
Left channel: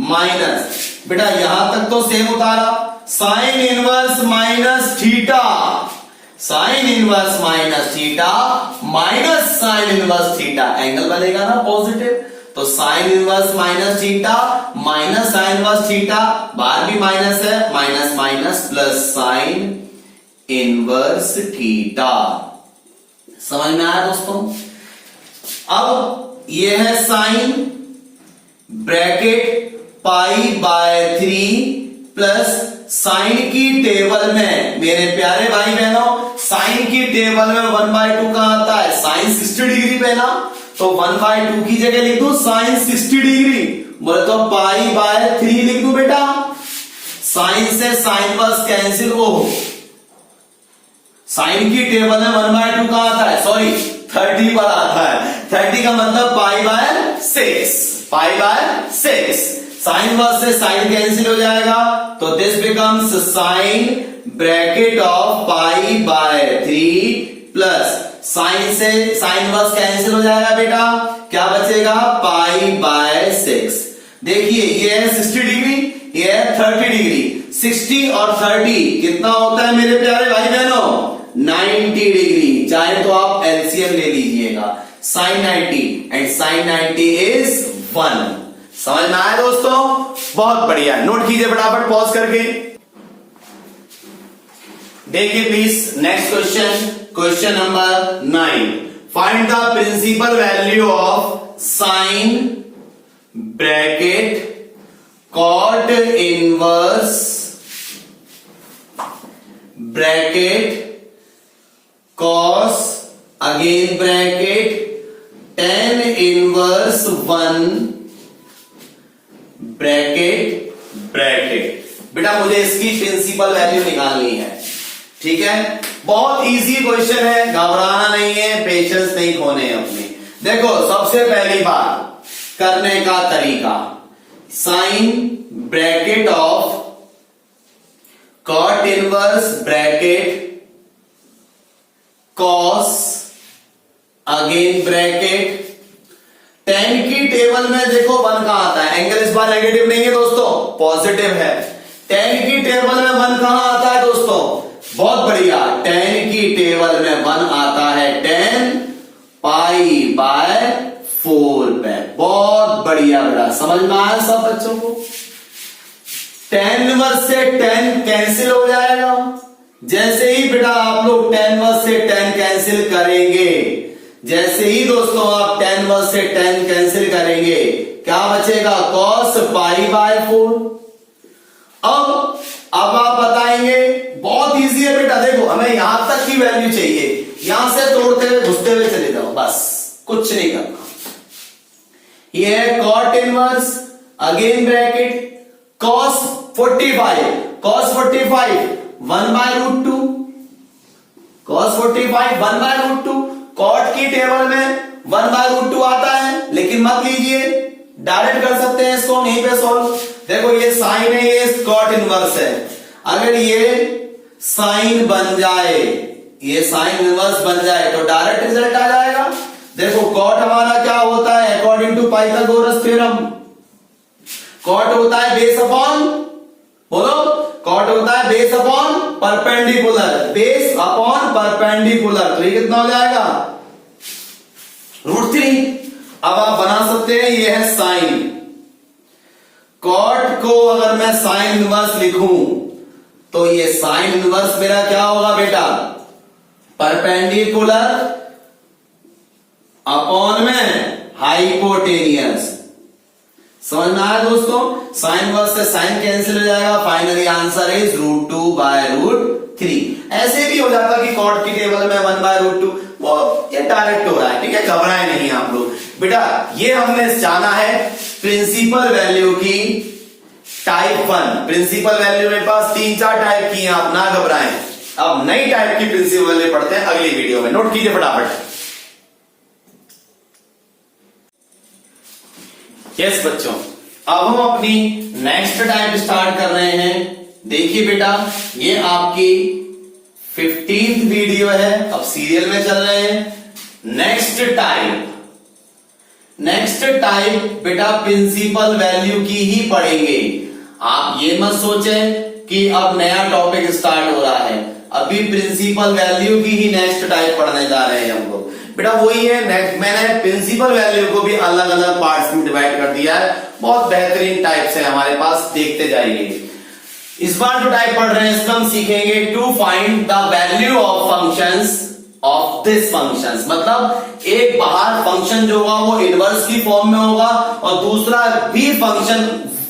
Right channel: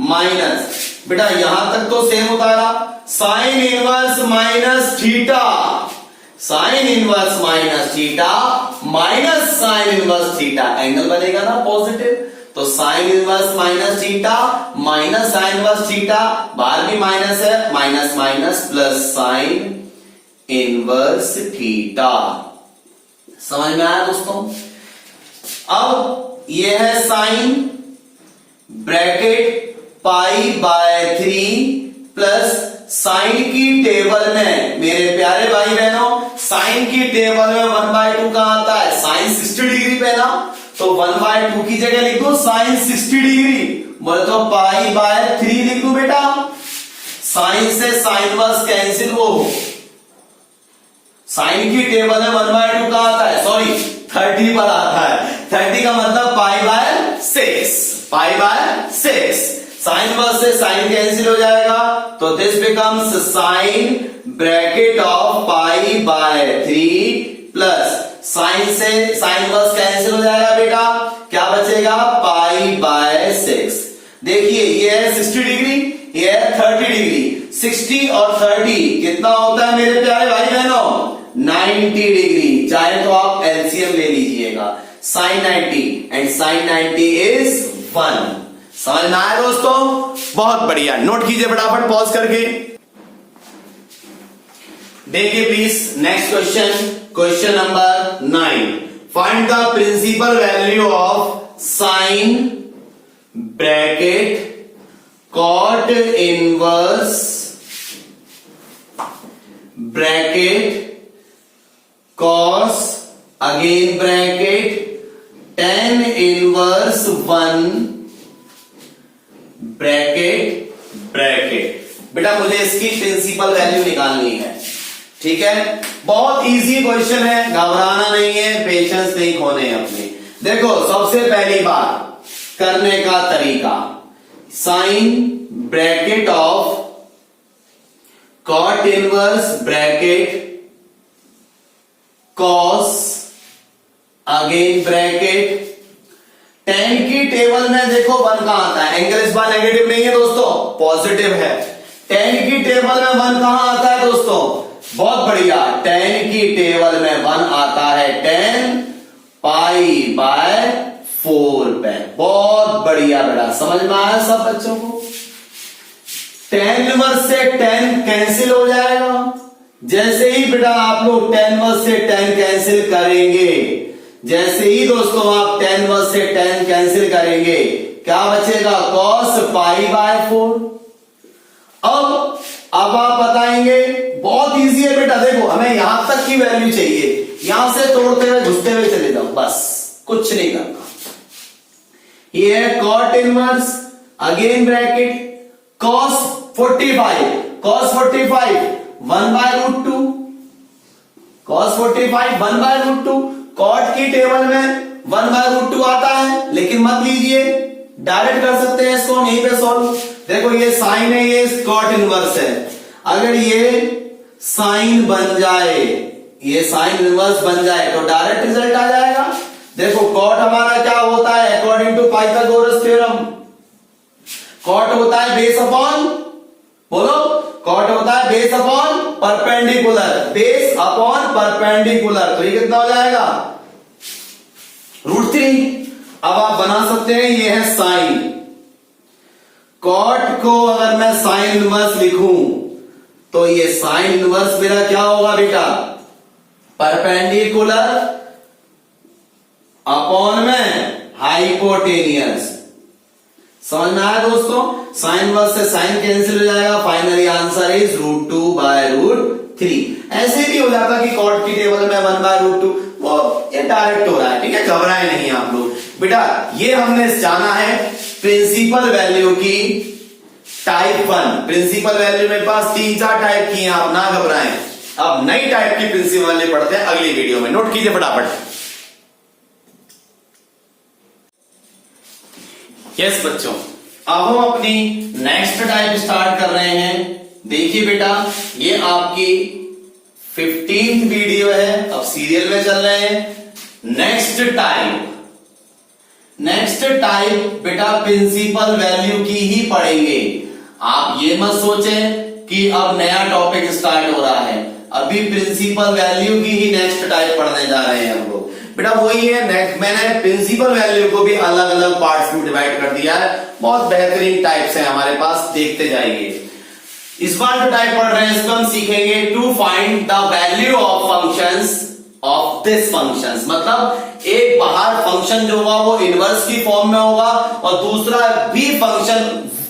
माइनस, बेटा यहां तक तो सेम उतारा, sign inverse minus theta, sine inverse minus theta minus sine inverse theta, angle बनेगा ना पॉजिटिव, तो sign inverse minus theta minus sine inverse theta, बाहर भी माइनस है, minus minus plus sign inverse theta. समझ में आया दोस्तों। अब ये है साइन, ब्रैकेट π/3 प्लस साइन की टेबल में, मेरे प्यारे भाई बहनों, साइन की टेबल में 1/2 कहां आता है, साइन 60 डिग्री पे ना, तो 1/2 की जगह लिख दो साइन 60 डिग्री, बोले तो π/3 लिख दो बेटा। साइन से साइन वर्स कैंसिल हो, साइन की टेबल में 1/2 कहां आता है, सॉरी 30 पर आता है, 30 का मतलब π/6, साइन वर्स से साइन कैंसिल हो जाएगा, तो this becomes sine bracket of π/3 plus sine से साइन वर्स कैंसिल हो जाएगा बेटा, क्या बचेगा π/6। देखिए ये है 60 डिग्री, ये है 30 डिग्री, 60 और 30 कितना होता है मेरे प्यारे भाई बहनों, 90 डिग्री। चाहे तो आप एलसीएम ले लीजिएगा, साइन 90 एंड साइन 90 इज 1। समझ में आया दोस्तों, बहुत बढ़िया, नोट कीजिए फटाफट पॉज करके। देखिए please next question number 9, find the principal value of sine bracket cot inverse bracket cos again bracket tan inverse 1 bracket bracket. बेटा मुझे इसकी प्रिंसिपल वैल्यू निकालनी है, ठीक है। बहुत इजी क्वेश्चन है, घबराना नहीं है, पेशेंस नहीं खोने अपनी। देखो सबसे पहली बात करने का तरीका, sine bracket of cot inverse bracket cos again bracket tan की टेबल में देखो 1 कहां आता है, एंगल इस बार नेगेटिव नहीं है दोस्तों, पॉजिटिव है। tan की टेबल में 1 कहां आता है दोस्तों, बहुत बढ़िया, tan की टेबल में 1 आता है tan पाई बाय 4 पे। बहुत बढ़िया बेटा, समझ में आया सब बच्चों को। tan इनवर्स से tan कैंसिल हो जाएगा, जैसे ही बेटा आप लोग tan इनवर्स से tan कैंसिल करेंगे, जैसे ही दोस्तों आप tan इनवर्स से tan कैंसिल करेंगे, क्या बचेगा, cos पाई बाय 4। अब आप बताएंगे, बहुत इजी है बेटा, देखो हमें यहां तक की वैल्यू चाहिए, यहां से तोड़ते हुए घुसते हुए चले जाओ, बस कुछ नहीं करना। ये है cot inverse again bracket cos 45 1 by root 2, cos 45 1 by root 2। Cot की टेबल में 1 बाय रूट 2 आता है, लेकिन मत लीजिए, डायरेक्ट कर सकते हैं इसको हम यहीं पे सॉल्व। देखो ये साइन है, ये कॉट इनवर्स है, अगर ये साइन बन जाए, ये साइन इनवर्स बन जाए तो डायरेक्ट रिजल्ट आ जाएगा। देखो कॉट हमारा क्या होता है, according to Pythagoras theorem, cot होता है बेस अपॉन, बोलो, कॉट होता है base upon perpendicular, base upon perpendicular, तो ये कितना हो जाएगा, √3। अब आप बना सकते हैं, ये है साइन, कॉट को अगर मैं साइन इनवर्स लिखूं तो ये साइन इनवर्स मेरा क्या होगा बेटा, परपेंडिकुलर अपॉन में हाइपोटेनियस। समझ में आया दोस्तों, साइन इनवर्स से साइन कैंसिल हो जाएगा, फाइनली आंसर इज √2 बाय √3। ऐसे भी हो जाता कि कॉट की टेबल में 1 बाय √2, वो ये डायरेक्ट हो रहा है, ठीक है, घबराए नहीं आप लोग। बेटा ये हमने जाना है प्रिंसिपल वैल्यू की टाइप 1। प्रिंसिपल वैल्यू मेरे पास 3-4 टाइप की हैं, आप ना घबराएं। अब नई टाइप की प्रिंसिपल वैल्यू पढ़ते हैं अगली वीडियो में, नोट कीजिए फटाफट। यस बच्चों, अब हम अपनी नेक्स्ट टाइप स्टार्ट कर रहे हैं। देखिए बेटा, ये आपकी 15th वीडियो है, अब सीरियल में चल रहे हैं। नेक्स्ट टाइप बेटा प्रिंसिपल वैल्यू की ही पढ़ेंगे। आप ये मत सोचें कि अब नया टॉपिक स्टार्ट हो रहा है, अभी प्रिंसिपल वैल्यू की ही नेक्स्ट टाइप पढ़ने जा रहे हैं हम लोग। बेटा वही है, मैंने प्रिंसिपल वैल्यू को भी अलग अलग पार्ट्स में डिवाइड कर दिया है, बहुत बेहतरीन टाइप्स है हमारे पास, देखते जाइए। इस बार जो टाइप पढ़ रहे हैं इसमें हम सीखेंगे to find the value of functions of this functions. मतलब एक बाहर फंक्शन जो होगा वो इनवर्स की फॉर्म में होगा और दूसरा भी फंक्शन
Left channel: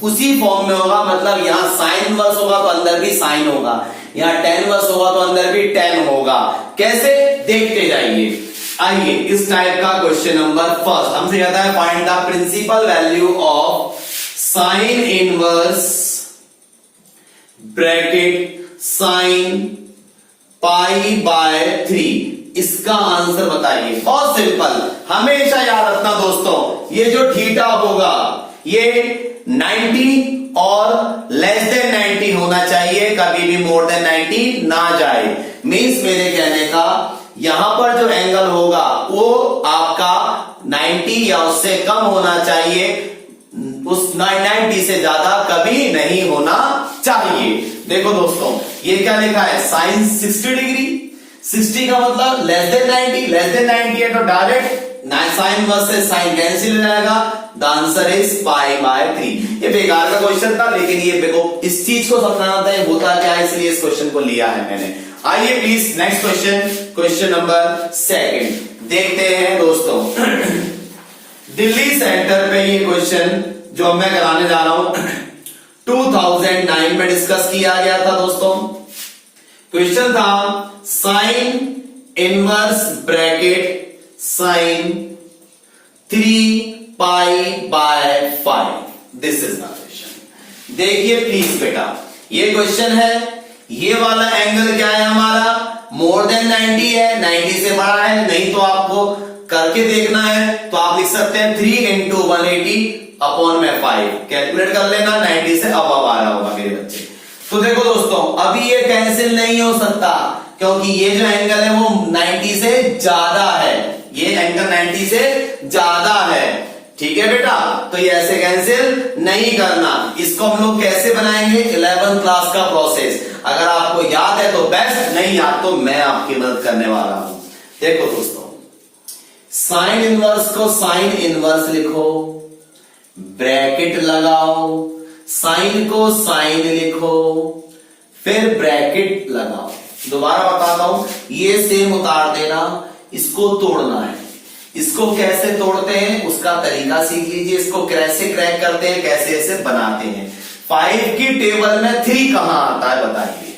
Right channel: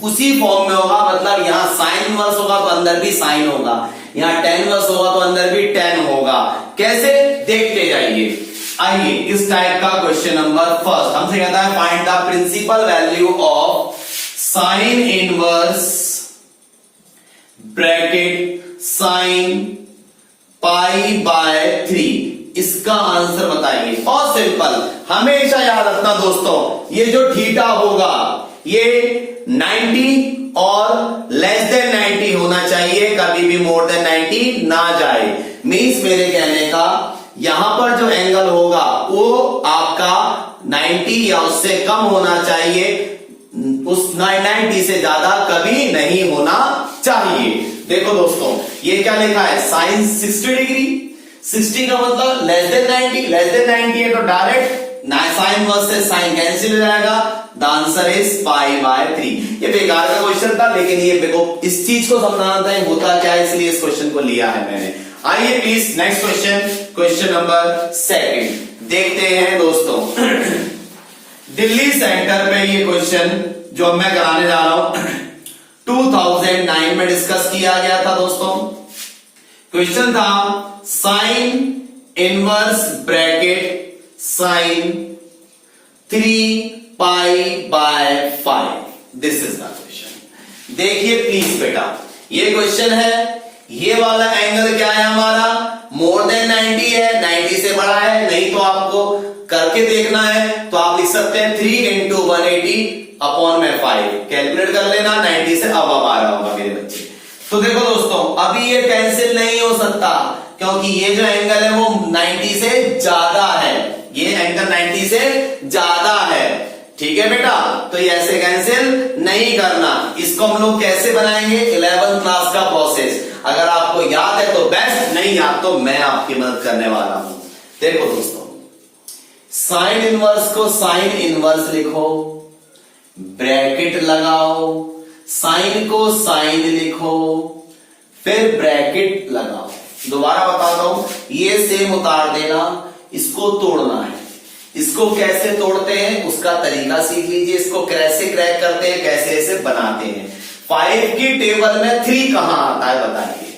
उसी फॉर्म में होगा। मतलब यहां साइन इनवर्स होगा तो अंदर भी साइन होगा, यहां tan इनवर्स होगा तो अंदर भी tan होगा। कैसे, देखते जाइए। आइए इस टाइप का क्वेश्चन नंबर फर्स्ट हमसे कहता है find the principal value of sine inverse bracket sine pi by 3। इसका आंसर बताइए। बहुत सिंपल, हमेशा याद रखना दोस्तों, ये जो थीटा होगा ये 90 और लेस देन 90 होना चाहिए, कभी भी मोर देन 90 ना जाए। मीन्स मेरे कहने का यहां पर जो एंगल होगा वो आपका 90 या उससे कम होना चाहिए, उस 90 से ज्यादा कभी नहीं होना चाहिए। देखो दोस्तों ये क्या लिखा है, साइन 60 डिग्री, 60 का मतलब लेस देन 90, लेस देन 90 है तो डायरेक्ट साइन वर्स से साइन कैंसिल हो जाएगा। The answer is pi by 3। ये बेकार का क्वेश्चन था, लेकिन ये देखो इस चीज को समझना था होता क्या है, इसलिए इस क्वेश्चन को लिया है मैंने। आइए please next question, question number 2 देखते हैं दोस्तों। दिल्ली सेंटर पे ये क्वेश्चन जो मैं कराने जा रहा हूं 2009 में डिस्कस किया गया था दोस्तों। क्वेश्चन था sine inverse bracket sine 3 pi by 5। This is the question. देखिए प्लीज बेटा, ये क्वेश्चन है, ये वाला एंगल क्या है हमारा, मोर देन 90 है, 90 से बड़ा है, नहीं तो आपको करके देखना है तो आप लिख सकते हैं 3 इंटू 180 अपॉन में 5, कैलकुलेट कर लेना, 90 से अब आ रहा होगा मेरे बच्चे। तो देखो दोस्तों, अभी ये कैंसिल नहीं हो सकता क्योंकि ये जो एंगल है वो 90 से ज्यादा है, ये एंगल 90 से ज्यादा है, ठीक है बेटा। तो ये ऐसे कैंसिल नहीं करना। इसको हम लोग कैसे बनाएंगे, 11th क्लास का प्रोसेस, अगर आपको याद है तो बेस्ट, नहीं याद तो मैं आपकी मदद करने वाला हूं। देखो दोस्तों, साइन इनवर्स को साइन इनवर्स लिखो, ब्रैकेट लगाओ, साइन को साइन लिखो, फिर ब्रैकेट लगाओ। दोबारा बताता हूं, ये सेम उतार देना, इसको तोड़ना है। इसको कैसे तोड़ते हैं उसका तरीका सीख लीजिए, इसको कैसे क्रैक करते हैं, कैसे ऐसे बनाते हैं। 5 की टेबल में 3 कहां आता है बताइए,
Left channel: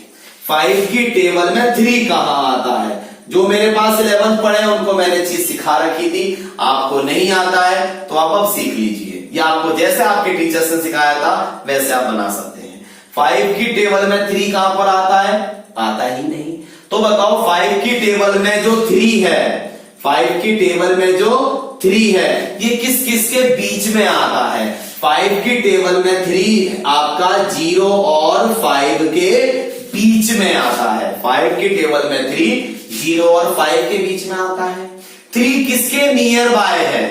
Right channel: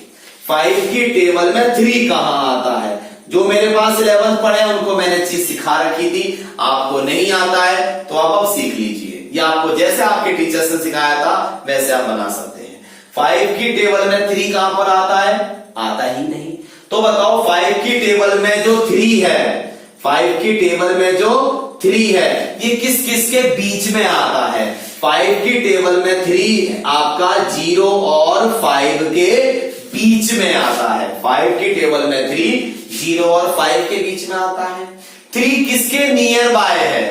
5 की टेबल में 3 कहां आता है। जो मेरे पास 11th पढ़े उनको मैंने चीज सिखा रखी थी, आपको नहीं आता है तो आप अब सीख लीजिए, या आपको जैसे आपके टीचर्स ने सिखाया था वैसे आप बना सकते हैं। 5 की टेबल में 3 कहां पर आता है, आता ही नहीं। तो बताओ 5 की टेबल में जो 3 है, 5 की टेबल में जो 3 है, ये किस किस के बीच में आता है। 5 की टेबल में 3 आपका 0 और 5 के बीच में आता है। 5 की टेबल में 3 0 और 5 के बीच में आता है। 3 किसके नियर बाय है,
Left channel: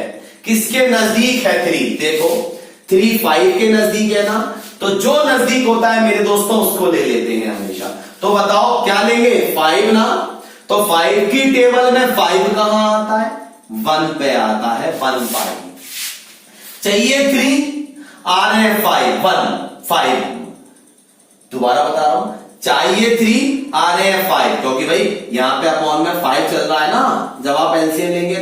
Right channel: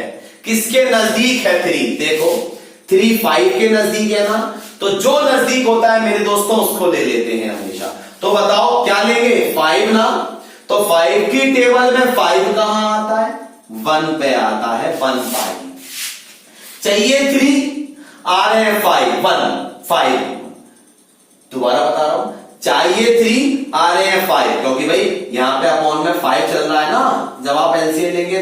किसके नजदीक है 3, देखो 3 5 के नजदीक है ना, तो जो नजदीक होता है मेरे दोस्तों उसको ले लेते हैं हमेशा। तो बताओ क्या लेंगे, 5 ना, तो 5 की टेबल में 5 कहां आता है, 1 पे आता है, 1 5 चाहिए 3, आ रहे हैं 5 1 5। दोबारा बता रहा हूं, चाहिए 3, आ रहे हैं 5, क्योंकि भाई यहां पे अपॉन में 5 चल रहा है ना, जब आप एलसीएम लेंगे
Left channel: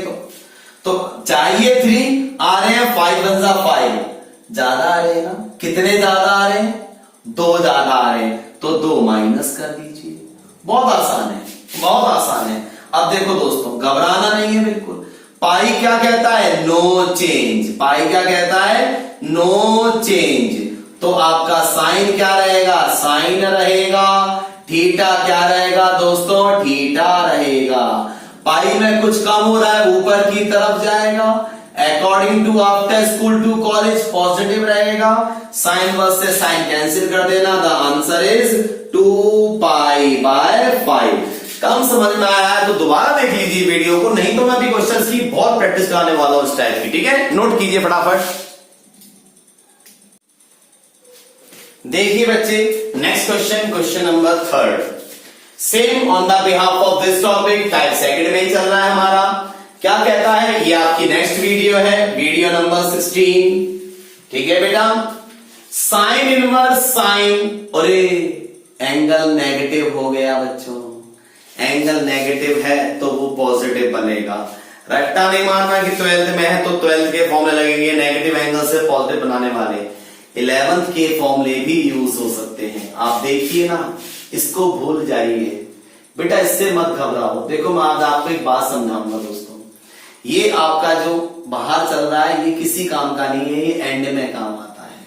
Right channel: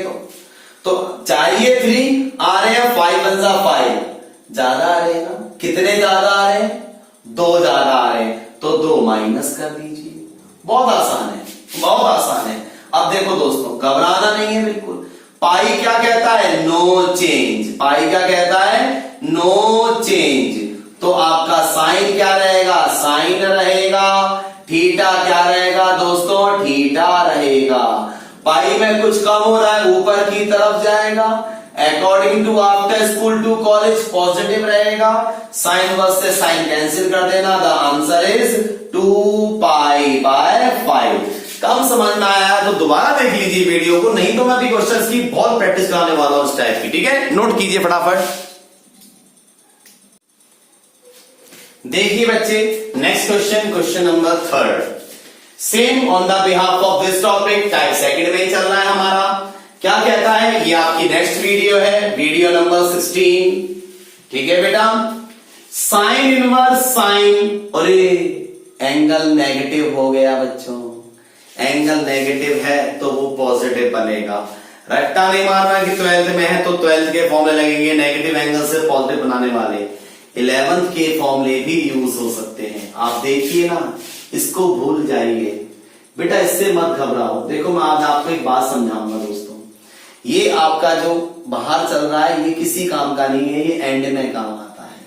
तो चाहिए 3, आ रहे हैं 5 1 5, ज्यादा आ रहे हैं ना, कितने ज्यादा आ रहे हैं, 2 ज्यादा आ रहे हैं, तो 2 माइनस कर दीजिए। बहुत आसान है, बहुत आसान है। अब देखो दोस्तों, घबराना नहीं है बिल्कुल। पाई क्या कहता है, नो चेंज, पाई क्या कहता है, नो चेंज। तो आपका साइन क्या रहेगा, साइन रहेगा, थीटा क्या रहेगा दोस्तों, थीटा रहेगा। पाई में कुछ कम हो रहा है, ऊपर की तरफ जाएगा, according to after school to college positive रहेगा, साइन वर्स से साइन कैंसिल कर देना, the answer is 2 pi by 5। कम समझ में आया तो दोबारा देख लीजिए वीडियो को, नहीं तो मैं भी क्वेश्चंस की बहुत प्रैक्टिस कराने वाला हूं इस टाइप की, ठीक है, नोट कीजिए फटाफट। देखिए बच्चे, next question, question number 3, same on the behalf of this topic, type second में चल रहा है हमारा। क्या कहता है, ये आपकी नेक्स्ट वीडियो है, वीडियो नंबर 16, ठीक है बेटा। साइन इनवर्स साइन, अरे एंगल नेगेटिव हो गया बच्चों, एंगल नेगेटिव है तो वो पॉजिटिव बनेगा। रट्टा नहीं मारना कि 12th में है तो 12th के फॉर्मूले लगेंगे, नेगेटिव एंगल से पॉजिटिव बनाने वाले। 11th के फॉर्मूले भी यूज हो सकते हैं, आप देखिए ना, इसको भूल जाइए बेटा, इससे मत घबराओ। देखो मैं आज आपको एक बात समझाऊंगा दोस्तों, ये आपका जो बाहर चल रहा है ये किसी काम का नहीं है, ये एंड में काम आता है,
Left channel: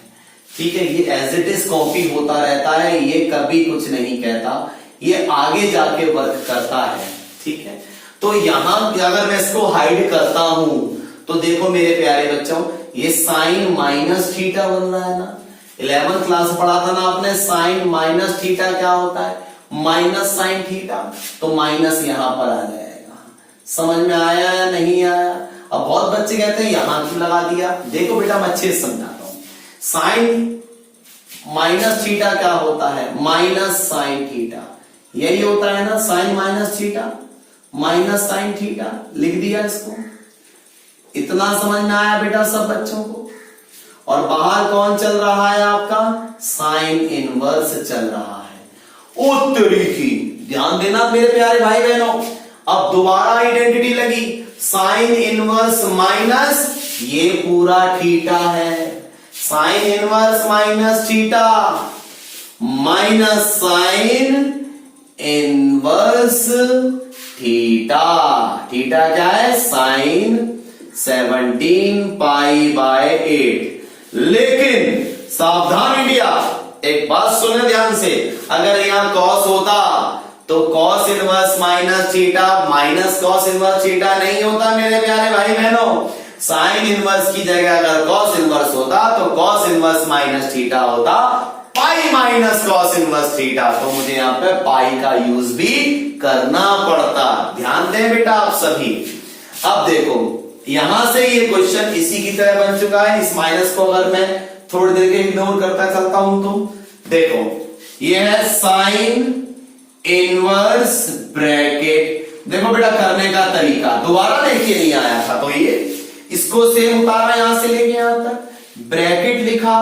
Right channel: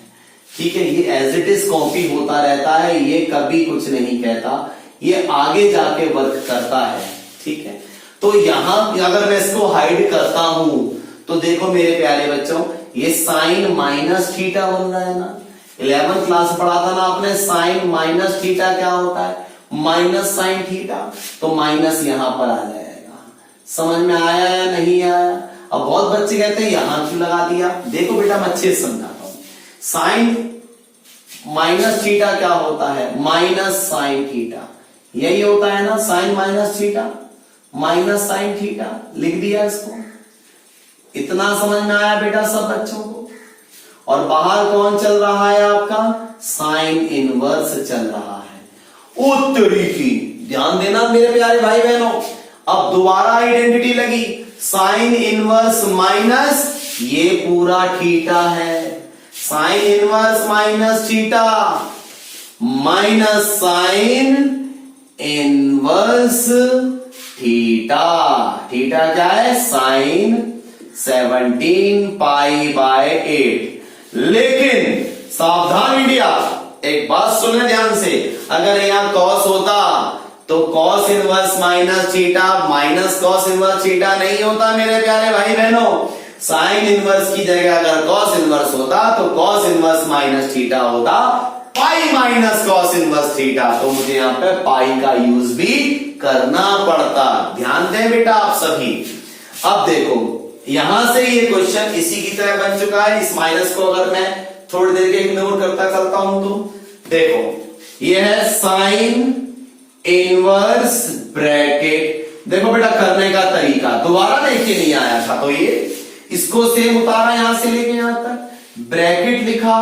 ठीक है। ये एज इट इज कॉपी होता रहता है, ये कभी कुछ नहीं कहता, ये आगे जाके वर्क करता है, ठीक है। तो यहां अगर मैं इसको हाइड करता हूं तो देखो मेरे प्यारे बच्चों, ये साइन माइनस थीटा बन रहा है ना, 11th क्लास पढ़ा था ना आपने, साइन माइनस थीटा क्या होता है, माइनस साइन थीटा, तो माइनस यहां पर आ जाएगा। समझ में आया या नहीं आया। अब बहुत बच्चे कहते हैं यहां क्यों लगा दिया, देखो बेटा मैं अच्छे से समझाता हूं। साइन माइनस थीटा क्या होता है, माइनस साइन थीटा, यही होता है ना, sine minus theta, minus sine theta, लिख दिया इसको। इतना समझ में आया बेटा सब बच्चों को। और बाहर कौन चल रहा है आपका, साइन इनवर्स चल रहा है। ओ तरीकी, ध्यान देना मेरे प्यारे भाई बहनों। अब दोबारा आइडेंटिटी लगी, साइन इनवर्स माइनस ये पूरा थीटा है, sine inverse minus theta minus sine inverse theta. Theta क्या है? Sine 17 pi by 8। लेकिन सावधान इंडिया, एक बात सुने ध्यान से, अगर यहां कॉस होता तो cos inverse minus theta minus cos inverse theta नहीं होता मेरे प्यारे भाई बहनों। साइन इनवर्स की जगह अगर कॉस इनवर्स होता तो कॉस इनवर्स माइनस थीटा होता पाई माइनस कॉस इनवर्स थीटा। तो मुझे यहां पे पाई का यूज भी करना पड़ता। ध्यान दें बेटा आप सभी। अब देखो यहां से ये क्वेश्चन इसी की तरह बन चुका है। इस माइनस को अगर मैं थोड़ी देर के इग्नोर करता चलता हूं तो देखो ये है साइन इनवर्स ब्रैकेट। देखो बेटा करने का तरीका दोबारा लेके नहीं आया था तो ये इसको सेम उतारा यहां से लेके यहां तक, ब्रैकेट लिखा,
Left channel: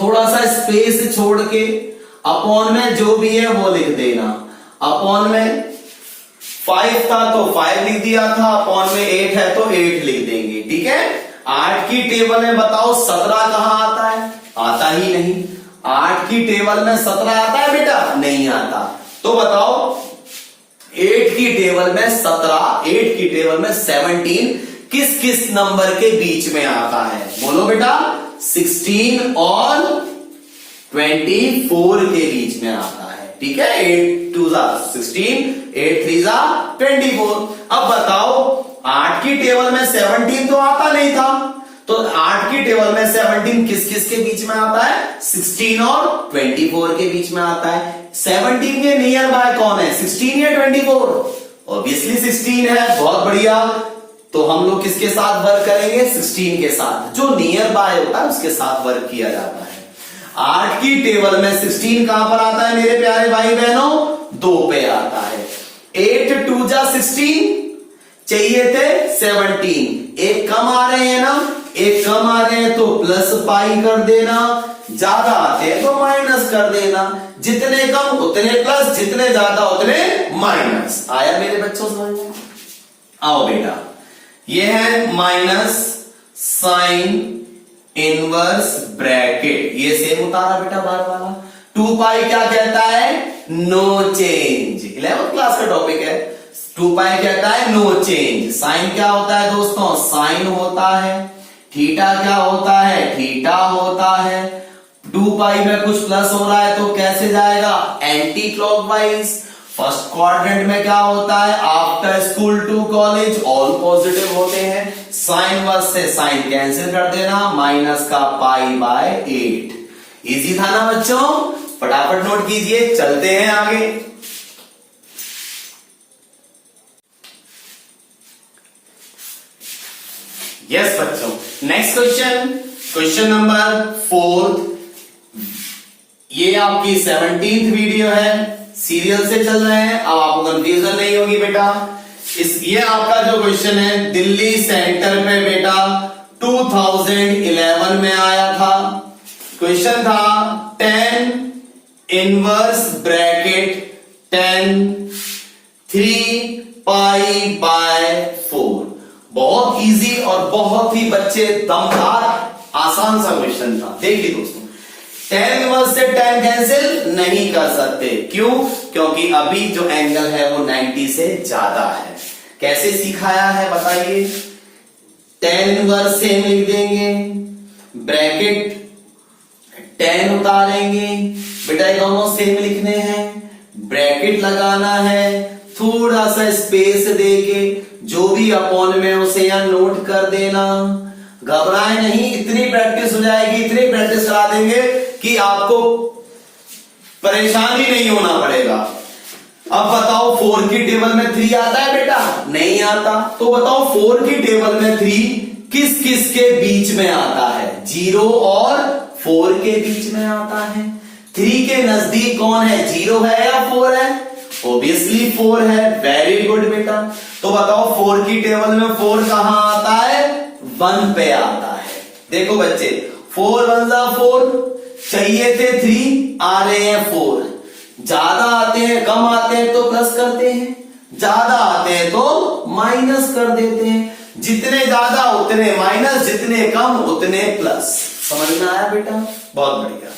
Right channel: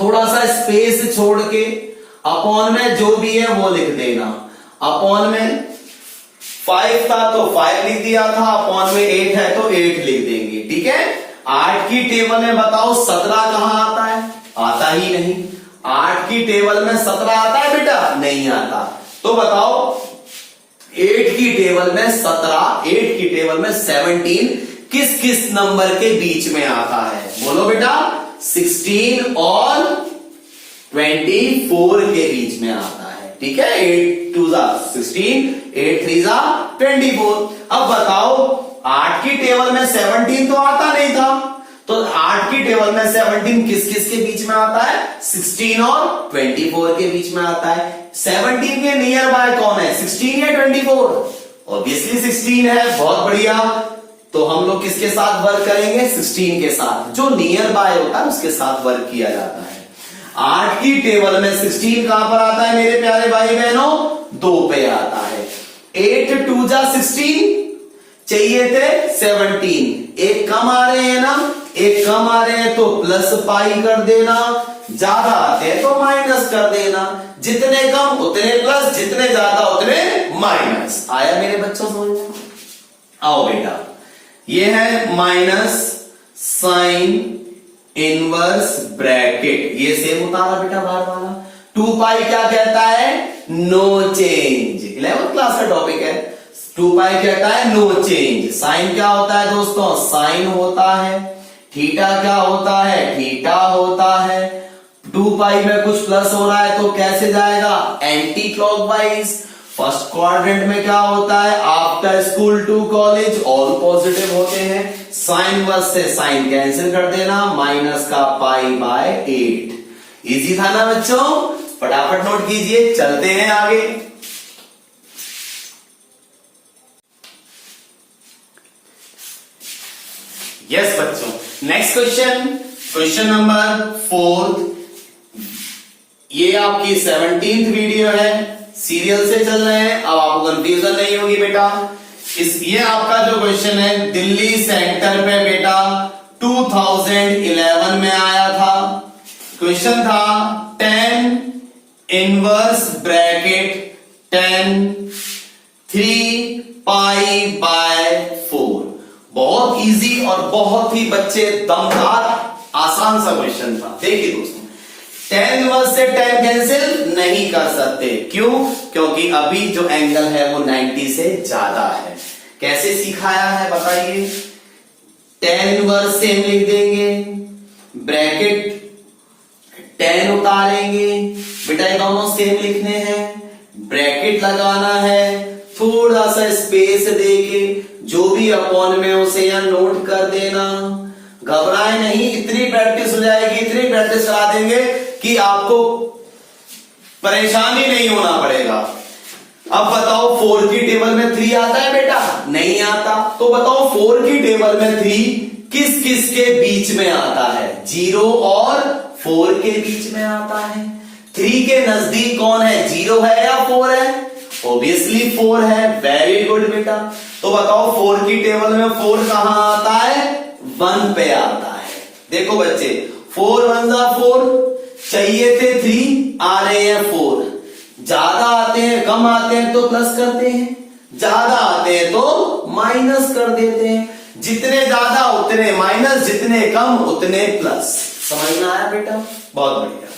थोड़ा सा स्पेस छोड़ के अपॉन में जो भी है वो लिख देना। अपॉन में 5 था तो 5 लिख दिया था, अपॉन में 8 है तो 8 लिख देंगे। ठीक है। 8 की टेबल में बताओ 17 कहां आता है? आता ही नहीं। 8 की टेबल में 17 आता है बेटा? नहीं आता। तो बताओ 8 की टेबल में 17, 8 की टेबल में 17 किस किस नंबर के बीच में आता है? बोलो बेटा। 16 और 24 के बीच में आता है। ठीक है। 8 2 16, 8 3 24। अब बताओ 8 की टेबल में 17 तो आता नहीं था, तो 8 की टेबल में 17 किस किस के बीच में आता है? 16 और 24 के बीच में आता है। 17 के नियर बाय कौन है? 16 या 24? ऑब्वियसली 16 है। बहुत बढ़िया। तो हम लोग किसके साथ वर्क करेंगे? 16 के साथ। जो नियर बाय होता है उसके साथ वर्क किया जाता है। 8 की टेबल में 16 कहां पर आता है मेरे प्यारे भाई बहनों? 2 पे आता है। 8 2 16 चाहिए थे 17, एक कम आ रहे हैं ना, एक कम आ रहे हैं तो प्लस पाई कर देना, ज्यादा आते हैं तो माइनस कर देना। जितने कम उतने प्लस, जितने ज्यादा उतने माइनस। आया मेरे बच्चों समझ में? आओ बेटा, ये है माइनस साइन इनवर्स ब्रैकेट, ये सेम उतारा बेटा बार वाला। 2 पाई क्या कहता है? No change. 11th क्लास का टॉपिक है। 2 पाई कहता है नो चेंज। साइन क्या होता है दोस्तों? साइन होता है। थीटा क्या होता है? थीटा होता है। 2 पाई में कुछ प्लस हो रहा है तो कैसे जाएगा? Anti clockwise. फर्स्ट क्वाड्रेंट में क्या होता है? After school to college all positive होते हैं। साइन वर्स से साइन कैंसिल कर देना, माइनस का पाई बाय 8। इजी था ना बच्चों? फटाफट नोट कीजिए, चलते हैं आगे। यस बच्चों, नेक्स्ट क्वेश्चन, क्वेश्चन नंबर 4। ये आपकी 17th वीडियो है, सीरियल से चल रहे हैं। अब आपको कंफ्यूजन नहीं होगी बेटा। ये आपका जो क्वेश्चन है दिल्ली सेंटर पे बेटा 2011 में आया था। क्वेश्चन था 10 इनवर्स ब्रैकेट 10 3 पाई बाय 4। बहुत इजी और बहुत ही बच्चे दमदार आसान सा क्वेश्चन था। देखिए दोस्तों, 10 इनवर्स से 10 कैंसिल नहीं कर सकते। क्यों? क्योंकि अभी जो एंगल है वो 90 से ज्यादा है। कैसे सिखाया है बताइए? 10 इनवर्स सेम लिख देंगे, ब्रैकेट 10 उतारेंगे बेटा, ये दोनों सेम लिखने हैं, ब्रैकेट लगाना है, थोड़ा सा स्पेस देके जो भी अपॉन में उसे यहां नोट कर देना। घबराए नहीं, इतनी प्रैक्टिस हो जाएगी, इतनी प्रैक्टिस करा देंगे कि आपको परेशान ही नहीं होना पड़ेगा। अब बताओ 4 की टेबल में 3 आता है बेटा? नहीं आता। तो बताओ 4 की टेबल में 3 किस किस के बीच में आता है? 0 और 4 के बीच में आता है। 3 के नजदीक कौन है? 0 है या 4 है? ऑब्वियसली 4 है। वेरी गुड बेटा। तो बताओ 4 की टेबल में 4 कहां आता है? 1 पे आता है। देखो बच्चे, 4 1 4, चाहिए थे 3, आ रहे हैं 4। ज्यादा आते हैं कम आते हैं तो प्लस करते हैं, ज्यादा आते हैं तो माइनस कर देते हैं। जितने ज्यादा उतने माइनस, जितने कम उतने प्लस। समझ में आया बेटा? बहुत बढ़िया।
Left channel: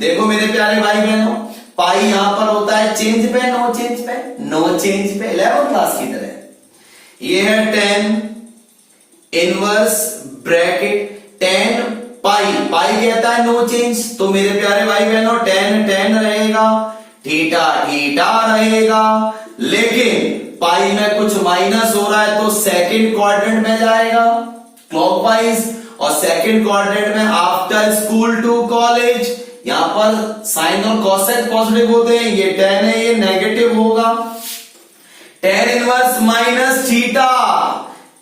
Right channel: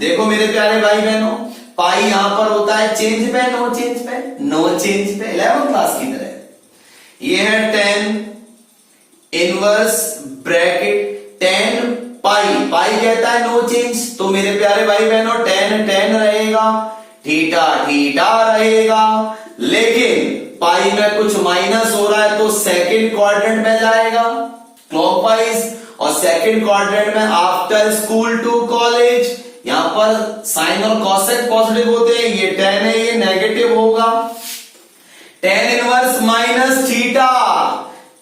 देखो मेरे प्यारे भाई बहनों, पाई यहां पर होता है चेंज पे, नो चेंज पे, नो चेंज पे, 11th क्लास की तरह। ये है 10 इनवर्स ब्रैकेट 10 पाई, पाई कहता है नो चेंज, तो मेरे प्यारे भाई बहनों 10 10 रहेगा, थीटा थीटा रहेगा, लेकिन पाई में कुछ माइनस हो रहा है तो सेकंड क्वाड्रेंट में जाएगा क्लॉकवाइज, और सेकंड क्वाड्रेंट में आफ्टर स्कूल टू कॉलेज, यहां पर साइन और कॉसेक पॉजिटिव होते हैं, ये 10 है, ये नेगेटिव होगा। 10 inverse minus theta,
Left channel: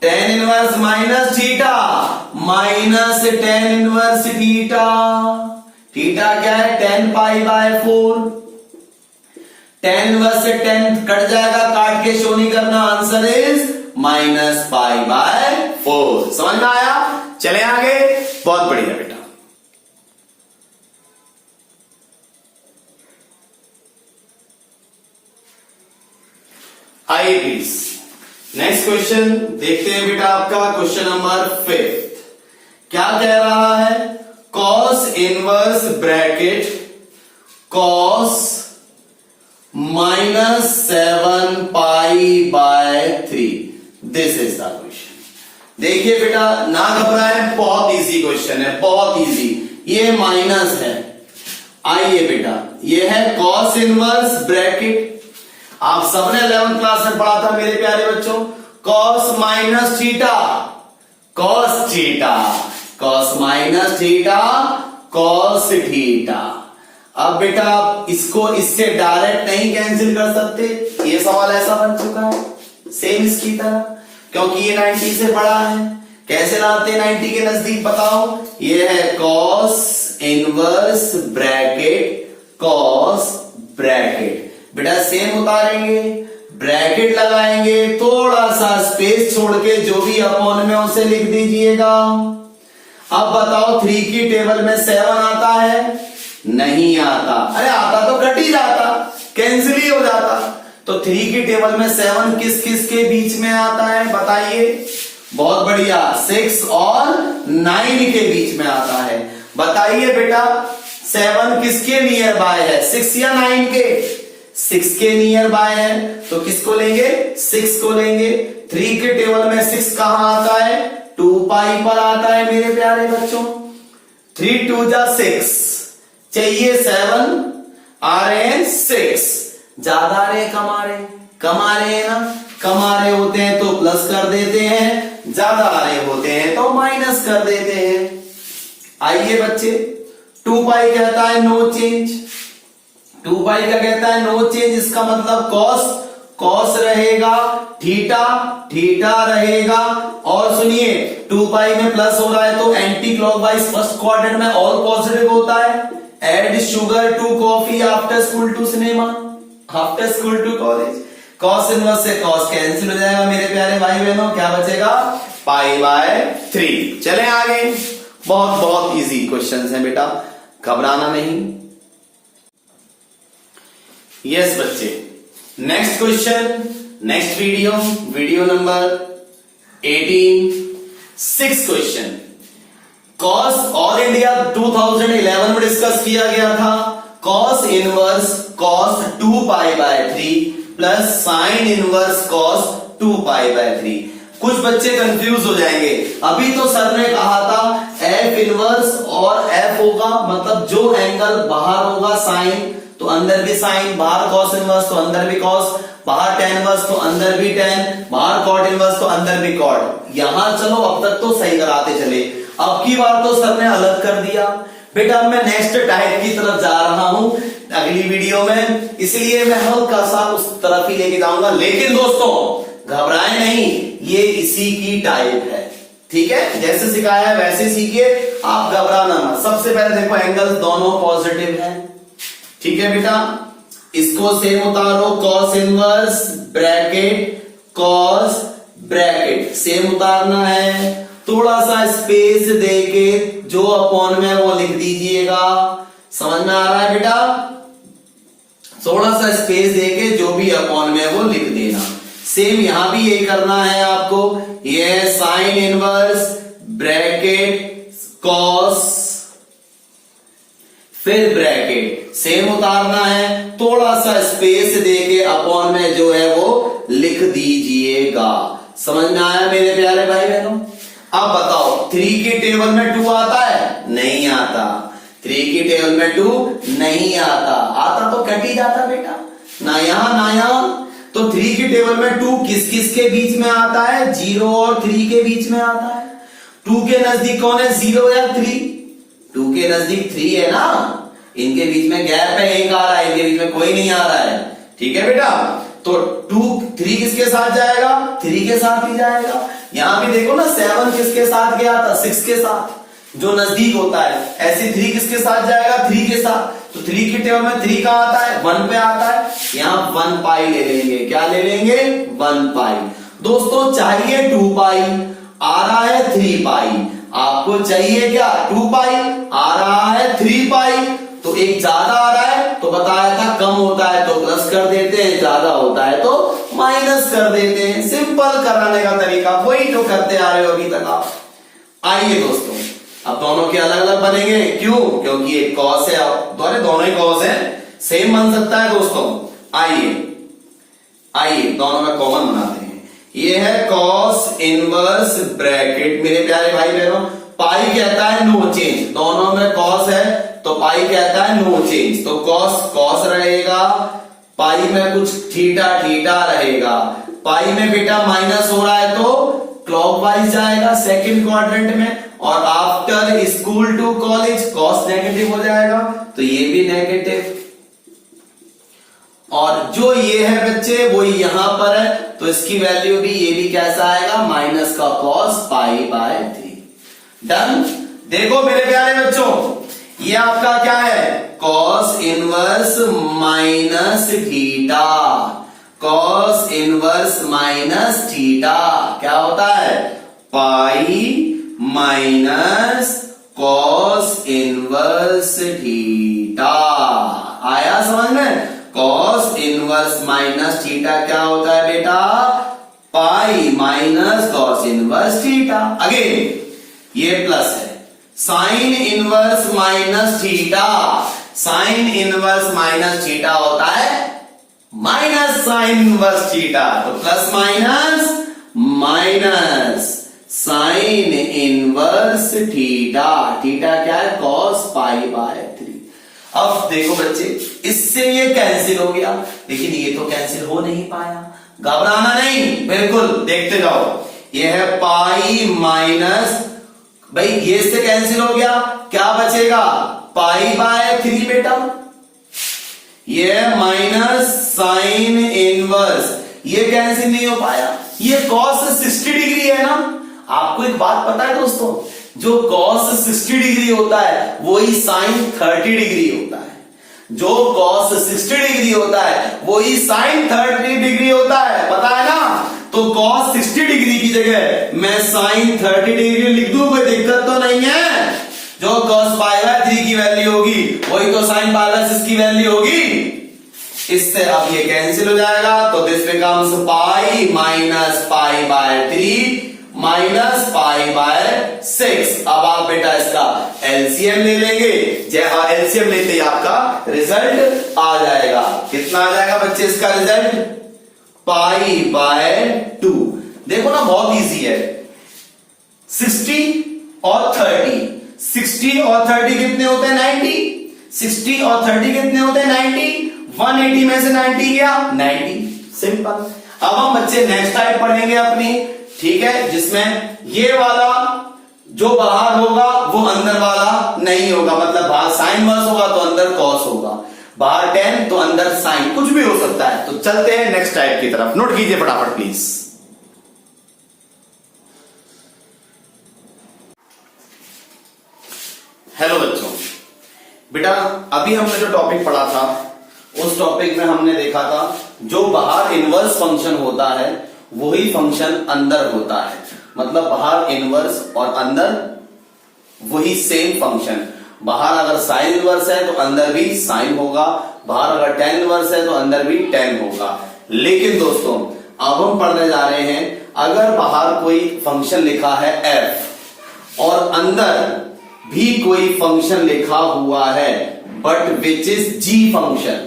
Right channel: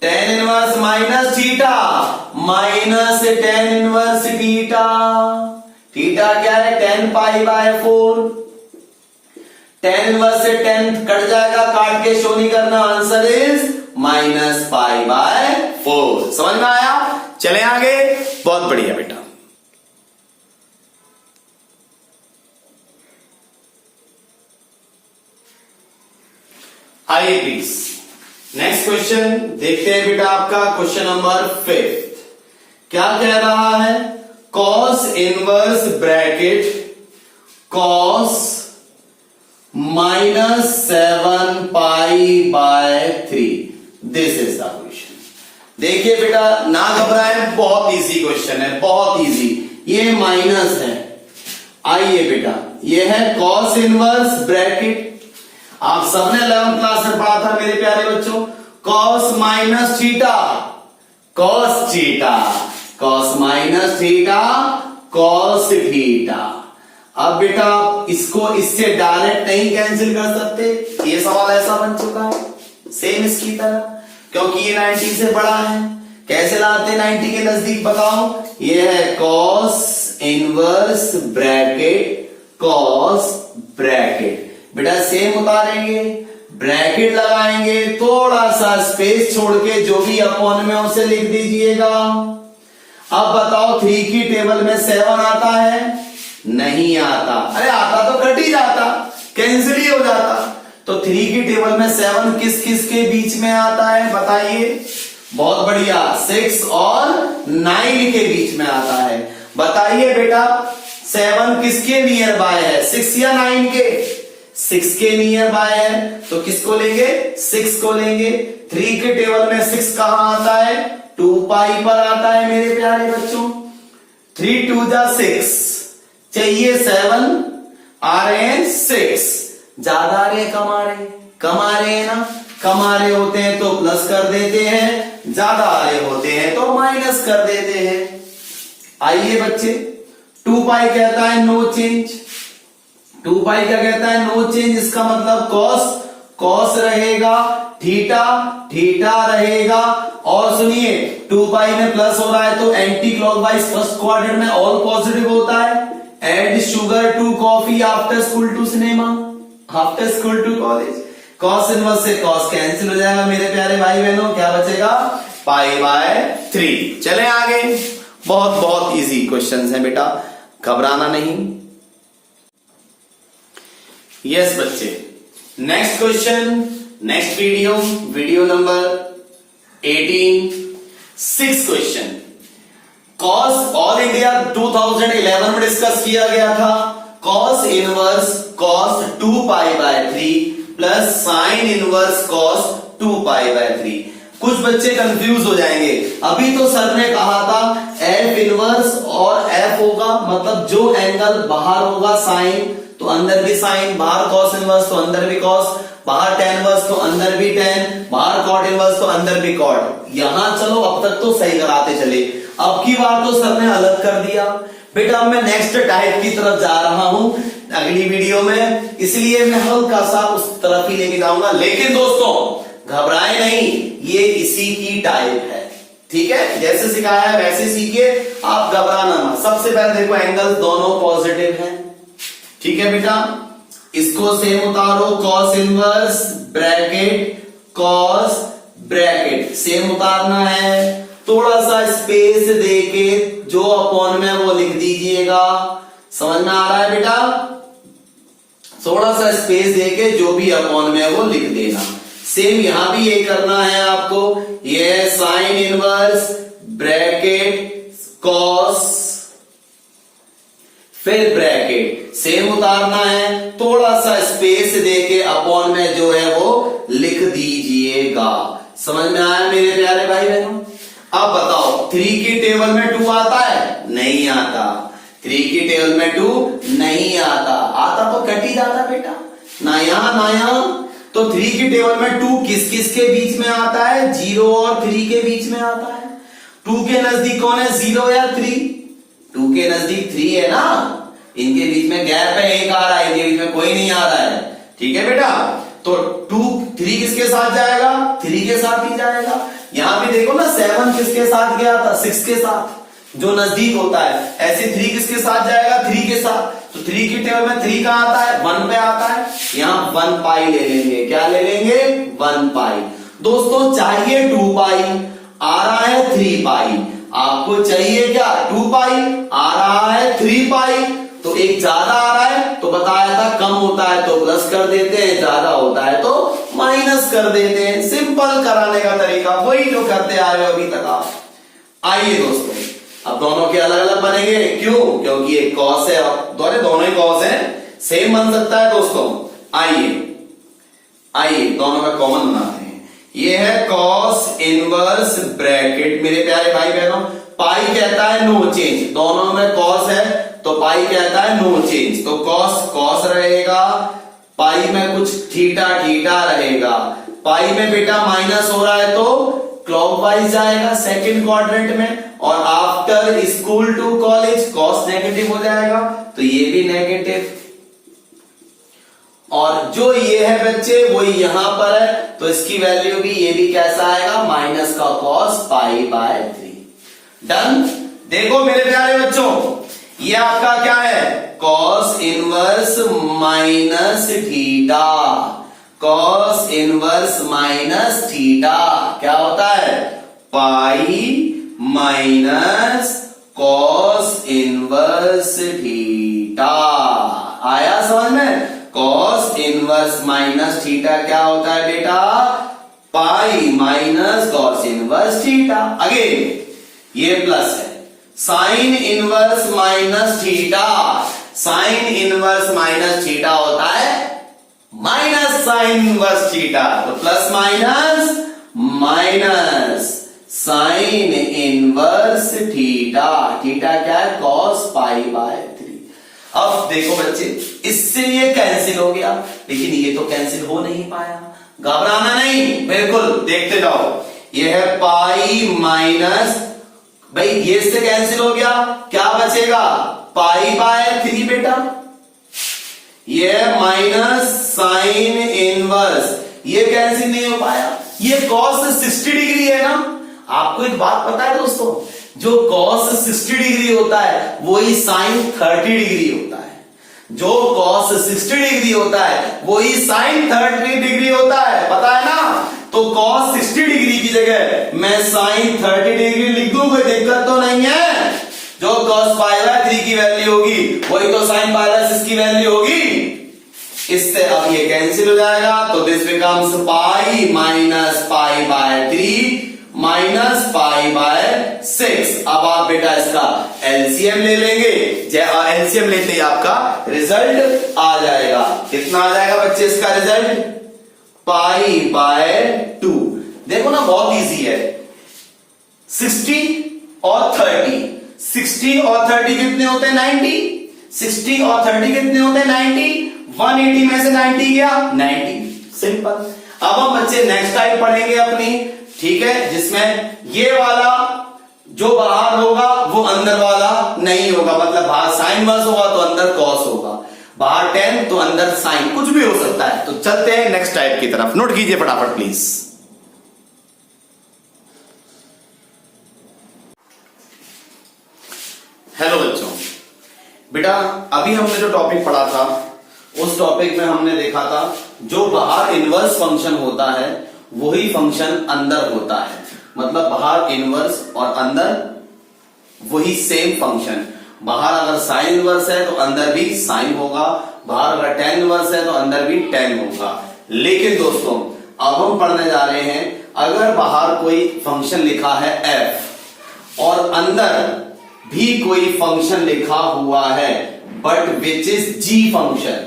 10 inverse minus theta, minus 10 inverse theta, theta क्या है 10 पाई बाय 4, 10 इनवर्स से 10 कट जाएगा, काट के शो नहीं करना, answer is minus pi by 4। समझ में आया? चले आगे, बहुत बढ़िया बेटा। आइए प्लीज नेक्स्ट क्वेश्चन देखते हैं बेटा, आपका क्वेश्चन नंबर 5 क्या कह रहा है, cos inverse bracket cos -7 pi by 3, this is the question. देखिए बेटा ना घबराएं, बहुत इजी क्वेश्चन है, बहुत इजी। ये माइनस है, आइए बेटा ये है कॉस इनवर्स ब्रैकेट, आप सबने 11th क्लास में पढ़ा था मेरे प्यारे बच्चों, cos minus theta, cos theta, cos minus theta, cos theta. अब बेटा आप इसको इससे डायरेक्ट नहीं कैंसिल कर सकते, ये सवाल ऐसा बन चुका है सेम इसकी तरह, क्योंकि ये 90 से बड़ा है। कैसे लाते हैं 90 के नजदीक बताओ, ये है cos inverse bracket cos bracket, बेटा सेम उतारेंगे, ब्रैकेट लगाएंगे, थोड़ा सा स्पेस छोड़ के जो भी अपॉन में उसे लिख दीजिएगा। अब बताओ 3 की टेबल में 7 आता है? नहीं आता, अरे आता तो कट ही जाता, कैंसिल ही हो जाता। तो 3 की टेबल में 7 किस किस के बीच में आता है बताइए? बहुत बढ़िया, 6 और 9 के बीच में आता है। बताइए बेटा 7 किसके नियर बाय है, 6 या 9 के? 6 के नियर बाय है, तो किसको लेंगे? 6 को लेंगे। 3 के टेबल में 6 कहां आता है? 2 पाई पर आता है मेरे प्यारे बच्चों। 3 2 जा 6, चाहिए 7, आ रहे हैं 6, ज्यादा आ रहे कम आ रहे? कम आ रहे हैं ना, कम आ रहे होते हैं तो प्लस कर देते हैं, ज्यादा आ रहे होते हैं तो माइनस कर देते हैं। आइए बच्चे 2 पाई कहता है नो चेंज, 2 पाई क्या कहता है? नो चेंज, इसका मतलब कॉस, कॉस रहेगा, थीटा थीटा रहेगा, और सुनिए 2 पाई में प्लस हो रहा है तो एंटी क्लॉकवाइज फर्स्ट क्वाड्रेंट में ऑल पॉजिटिव होता है। Add sugar to coffee after school to cinema, after school to college, cos inverse से कॉस कैंसिल हो जाएगा मेरे प्यारे भाई बहनों, क्या बचेगा? Pi by 3। चले आगे, बहुत बहुत इजी क्वेश्चन है बेटा, घबराना नहीं। यस बच्चे, next question, next video number 18, 6 question. Cos all India 2011 में डिस्कस किया गया था, cos inverse cos 2 pi by 3 plus sine inverse cos 2 pi by 3। कुछ बच्चे कंफ्यूज हो जाएंगे, अभी तो सर ने कहा था एफ इनवर्स और एफ होगा, मतलब जो एंगल बाहर होगा साइन तो अंदर भी साइन, बाहर कॉस इनवर्स तो अंदर भी कॉस, बाहर टेन इनवर्स तो अंदर भी टेन, बाहर कॉट इनवर्स तो अंदर भी कॉट। यहां चलो अब तक तो सही कराते चले, अब की बार तो सर ने अलग कर दिया बेटा। अब मैं नेक्स्ट टाइप की तरफ जा रहा हूं अगली वीडियो में, इसलिए मैं हल्का सा उस तरफ ही लेके जाऊंगा। लेकिन दोस्तों घबराए नहीं, ये इसी की टाइप है, ठीक है? जैसे सिखाया है वैसे सीखिए, आप घबराना मत। सबसे पहले देखो एंगल दोनों पॉजिटिव है, ठीक है बेटा? इसको सेम उतारो, cos inverse bracket cos bracket same उतारना है, थोड़ा सा स्पेस देके जो अपॉन में वो लिख दीजिएगा। समझ में आ रहा है बेटा? थोड़ा सा स्पेस देके जो भी अपॉन में वो लिख देना। सेम यहां भी ये करना है आपको, ये साइन इनवर्स ब्रैकेट कॉस फिर ब्रैकेट, सेम उतारना है, थोड़ा सा स्पेस देके अपॉन में जो है वो लिख दीजिएगा। समझ में आया मेरे प्यारे भाई बहनों? अब बताओ 3 की टेबल में 2 आता है? नहीं आता। 3 की टेबल में 2 नहीं आता। आता तो कट ही जाता बेटा, ना यहां ना यहां। तो 3 की टेबल में 2 किस किस के बीच में आता है? 0 और 3 के बीच में आता है। 2 के नजदीक कौन है, 0 या 3? 2 के नजदीक 3 है ना, इनके बीच में गैप है, एक आ रहा है, इनके बीच में कोई नहीं आ रहा है। ठीक है बेटा, तो 3 किसके साथ जाएगा? 3 के साथ ही जाएगा। यहां भी देखो ना 7 किसके साथ गया था? 6 के साथ, जो नजदीक होता है। ऐसे 3 किसके साथ जाएगा? 3 के साथ। तो 3 की टेबल में 3 कहां आता है? 1 पे आता है। यहां 1 पाई ले लेंगे। क्या ले लेंगे? 1 पाई। दोस्तों चाहिए 2 पाई, आ रहा है 3 पाई। आपको चाहिए क्या? 2 पाई, आ रहा है 3 पाई। तो एक ज्यादा आ रहा है तो बताया था कम होता है तो प्लस कर देते हैं, ज्यादा होता है तो माइनस कर देते हैं। सिंपल कराने का तरीका वही जो करते आ रहे हो अभी तक आप। आइए दोस्तों, अब दोनों के अलग अलग बनेंगे। क्यों? क्योंकि एक कॉस है, आप दोनों ही कॉस है, सेम बन सकता है दोस्तों। आइए दोनों का कॉमन बनाते हैं। ये है कॉस इनवर्स ब्रैकेट मेरे प्यारे भाई बहनों। पाई कहता है नो चेंज, दोनों में कॉस है तो पाई कहता है नो चेंज। तो कॉस कॉस रहेगा, पाई में कुछ थीटा थीटा रहेगा। पाई में बेटा माइनस हो रहा है तो क्लॉकवाइज जाएगा सेकंड क्वाड्रेंट में, और after school to college cos negative हो जाएगा तो ये भी नेगेटिव। और जो ये है बच्चे वो यहां पर है तो इसकी वैल्यू भी, ये भी कैसा आएगा? माइनस का कॉस पाई बाय 3। डन। देखो मेरे प्यारे बच्चों, ये आपका क्या है? Cos inverse minus theta. Cos inverse minus theta क्या होता है? Pi minus cos inverse theta. आया समझ में? कॉस इनवर्स माइनस थीटा क्या होता है बेटा? पाई minus cos inverse theta. Again ये प्लस है। Sine inverse minus theta, sine inverse minus theta होता है माइनस साइन इनवर्स थीटा। तो plus minus minus sine inverse theta. Theta क्या है? Cos pi by 3। अब देखो बच्चे, इससे ये कैंसिल हो गया, लेकिन ये तो कैंसिल हो नहीं पाया। घबराना नहीं, बिल्कुल देखते जाओ। ये है पाई माइनस, भाई ये इससे कैंसिल हो गया, क्या बचेगा? पाई बाय 3 बेटा। ये माइनस साइन इनवर्स, ये कैंसिल नहीं हो पाया। ये कॉस 60 डिग्री है ना। आपको एक बात पता है दोस्तों, जो कॉस 60 डिग्री होता है वही साइन 30 डिग्री होता है। जो कॉस 60 डिग्री होता है वही साइन 30 डिग्री होता है, पता है ना। तो कॉस 60 डिग्री की जगह मैं साइन 30 डिग्री लिख दूं, कोई दिक्कत तो नहीं है। जो कॉस पाई बाय 3 की वैल्यू होगी वही तो साइन पाई बाय 6 की वैल्यू होगी। इससे अब ये कैंसिल हो जाएगा, तो this becomes pi minus pi by 3 minus pi by 6। अब आप बेटा इसका एलसीएम ले लेंगे। एलसीएम लेते ही आपका रिजल्ट आ जाएगा। कितना आ जाएगा बच्चे इसका रिजल्ट? Pi by 2। देखो ना बहुत इजी है। 60 और 30, 60 और 30 कितने होते हैं? 90। 60 और 30 कितने होते हैं? 90। 180 में से 90 गया 90। सिंपल। अब हम बच्चे नेक्स्ट टाइप पढ़ेंगे अपनी, ठीक है, जिसमें ये वाला जो बाहर होगा वो अंदर वाला नहीं होगा। मतलब बाहर साइन वर्स होगा तो अंदर कॉस होगा, बाहर 10 तो अंदर साइन, कुछ भी हो सकता है। तो चलते हैं नेक्स्ट टाइप की तरफ। नोट कीजिए फटाफट प्लीज। हेलो बच्चों, बेटा अभी हमने जो टॉपिक पढ़ा था उस टॉपिक में हमने देखा था जो बाहर इनवर्स फंक्शन होता है वही फंक्शन अंदर होता है। मतलब बाहर इनवर्स और अंदर वही सेम फंक्शन। बाहर अगर साइन इनवर्स है तो अंदर भी साइन होगा, बाहर अगर tan इनवर्स है तो अंदर भी tan होगा। लेकिन दोस्तों अब हम पढ़ने जा रहे हैं, अगर बाहर कोई फंक्शन लिखा है f और अंदर भी कोई फंक्शन लिखा हुआ है but which is G function,